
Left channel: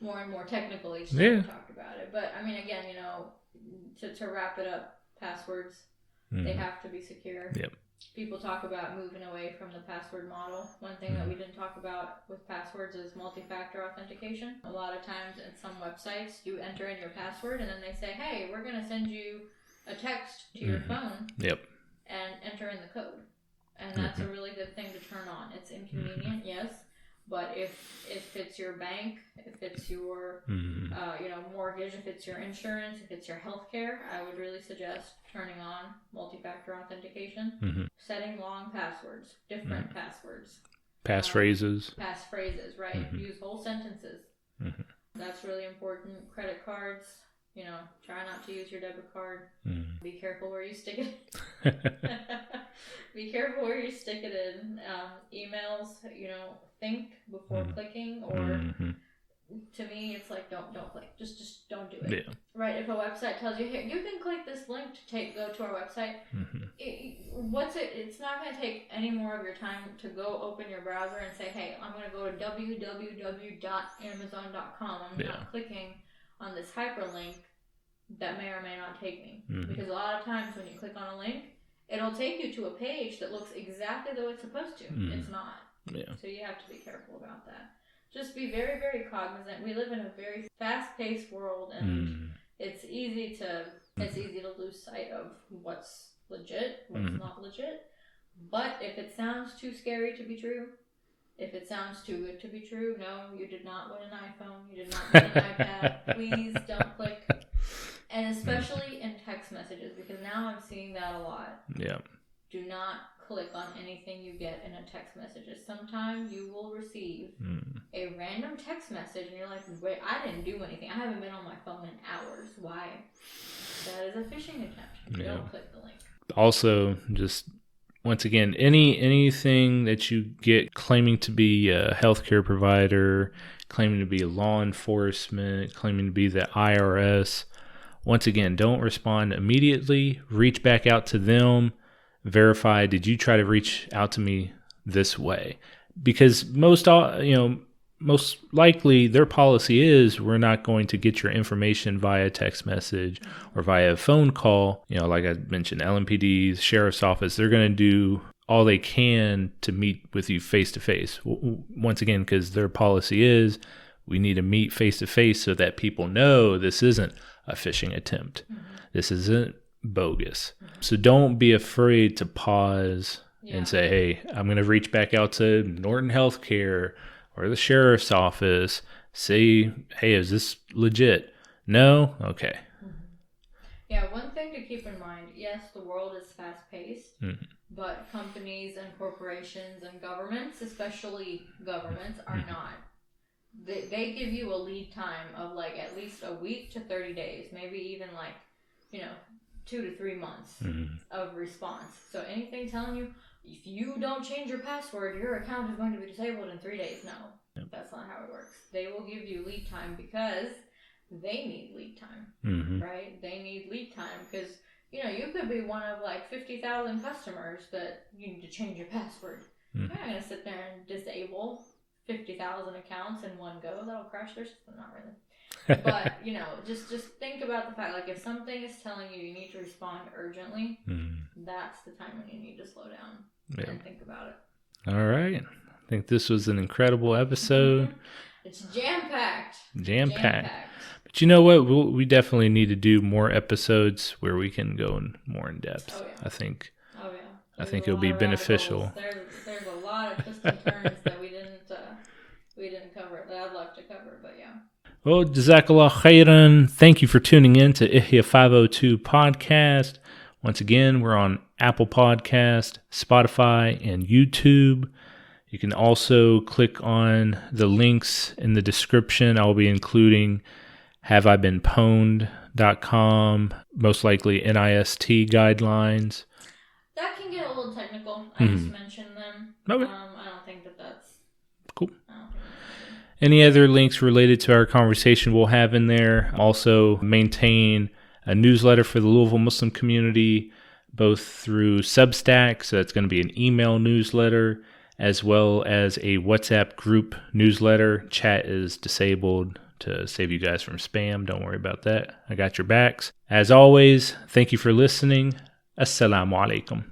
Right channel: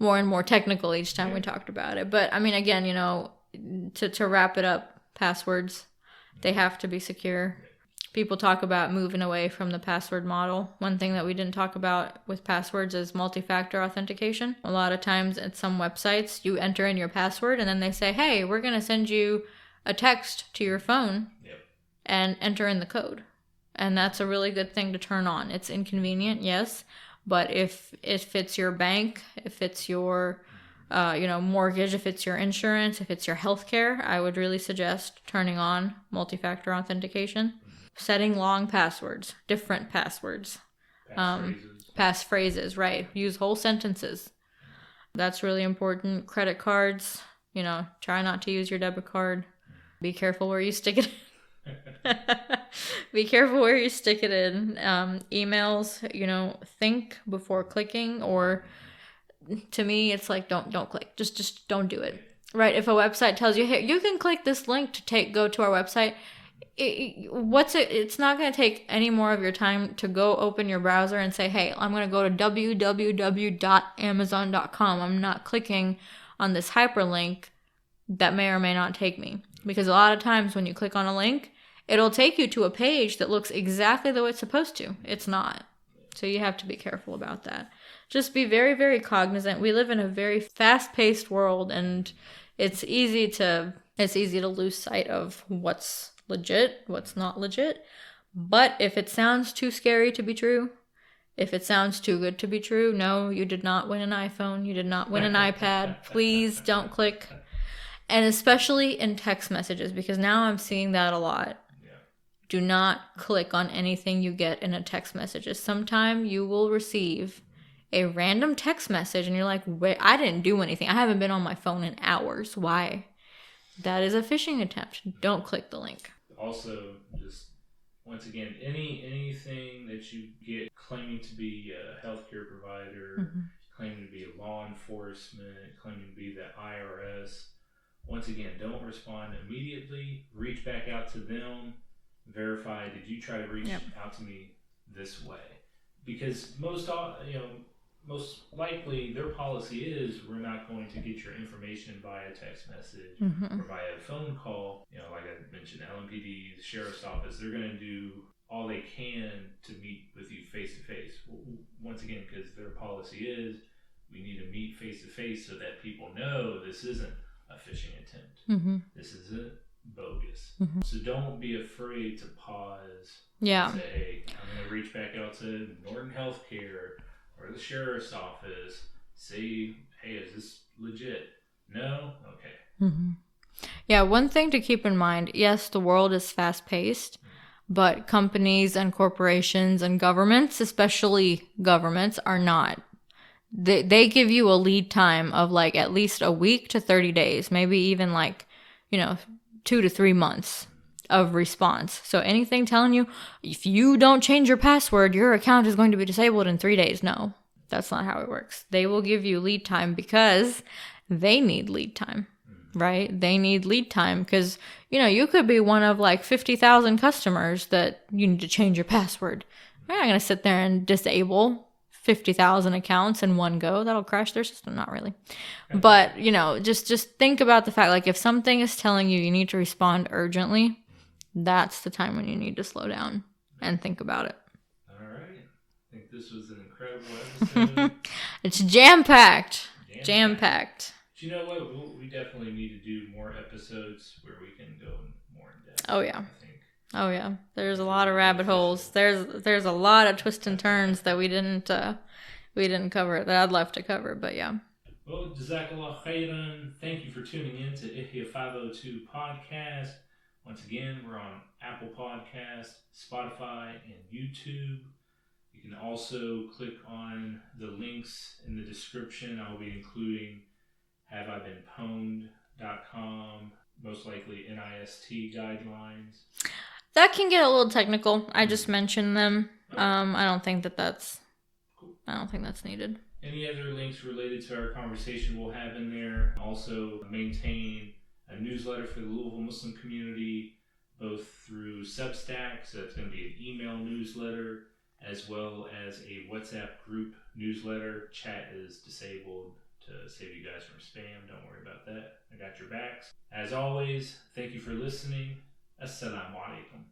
and more technical each time we talked about it. But I mean, again, to wrap it up, passwords, they have to be secure. Yep. People talk about moving away from the password model. One thing that we didn't talk about with passwords is multi-factor authentication. A lot of times at some websites, you enter in your password and then they say, hey, we're going to send you a text to your phone and enter in the code. And that's a really good thing to turn on. It's inconvenient, yes. But if it's your bank, if it's your mortgage, if it's your insurance, if it's your healthcare, I would really suggest turning on multi-factor authentication, setting long passwords, different passwords, passphrases, right? Use whole sentences. That's really important. Credit cards, try not to use your debit card. Be careful where you stick it. Be careful where you stick it in. Emails, think before clicking, or to me, it's like, don't click. Just don't do it. Yeah. Right? If a website tells you, hey, you can click this link to go to our website, it's not going to take any more of your time to go open your browser and say, hey, I'm going to go to www.amazon.com. I'm not clicking on this hyperlink that may or may not take me. Because a lot of times when you click on a link, it'll take you to a page that looks exactly the way it's supposed to. It's not. Yeah. So you have to be careful about that. Just be very, very cognizant. We live in a very fast-paced world, and it's easy to lose sight of what's legit, what's not legit. But if it sounds too scary to be true, if it sounds too good to be true, no, you did not win an iPhone. You did not win an iPad. Please don't click. And especially in text messages, because now I'm seeing that a lot. Yeah. Do not click on anything you get in a text message. Sometime you will receive a random text message and you're like, wait, I didn't do anything. I haven't been on my phone in hours. Why? That is a phishing attempt. Yeah. Don't click the link. Also, just once again, anything that you get claiming to be a healthcare provider, claiming to be law enforcement, claiming to be the IRS, once again, don't respond immediately. Reach back out to them. Verify, did you try to reach out to me this way? Because most likely their policy is, we're not going to get your information via text message or via phone call. Like I mentioned, LMPD, sheriff's office, they're going to do all they can to meet with you face to face. Once again, because their policy is, we need to meet face to face so that people know this isn't a phishing attempt. This isn't bogus. So don't be afraid to pause and say, hey, I'm going to reach back out to Norton Healthcare or the sheriff's office. Say, hey, is this legit? No? Okay. Yeah, one thing to keep in mind, yes, the world is fast-paced, but companies and corporations and governments, especially governments, are not. They give you a lead time of like at least a week to 30 days, maybe even like, 2 to 3 months of response. So anything telling you, if you don't change your password, your account is going to be disabled in 3 days. No, that's not how it works. They will give you lead time because they need lead time, right? They need lead time because, you could be one of like 50,000 customers that you need to change your password. You're not going to sit there and disable 50,000 accounts in one go. That'll crash their system. Not really. But, just think about the fact, like if something is telling you need to respond urgently, that's the time when you need to slow down and think about it. All right. I think this was an incredible episode. It's jam-packed. Jam-packed. But you know what? We definitely need to do more episodes where we can go more in depth. Oh, yeah. I think. Oh, yeah. There's a lot of rabbit holes. There's a lot of twists and turns that we didn't cover, that I'd love to cover, but yeah. Well, Jazakallah khairan. Thank you for tuning in to Ihya 502 podcast. Once again, we're on Apple Podcast, Spotify, and YouTube. You can also click on the links in the description. I'll be including haveibeenpwned.com, most likely NIST guidelines. That can get a little technical. I just mentioned them. Okay. I don't think that's cool. I don't think that's needed. Any other links related to our conversation we'll have in there. Also maintain a newsletter for the Louisville Muslim community, both through Substack, so it's going to be an email newsletter, as well as a WhatsApp group newsletter. Chat is disabled to save you guys from spam. Don't worry about that. I got your backs. As always, thank you for listening. Assalamu alaikum.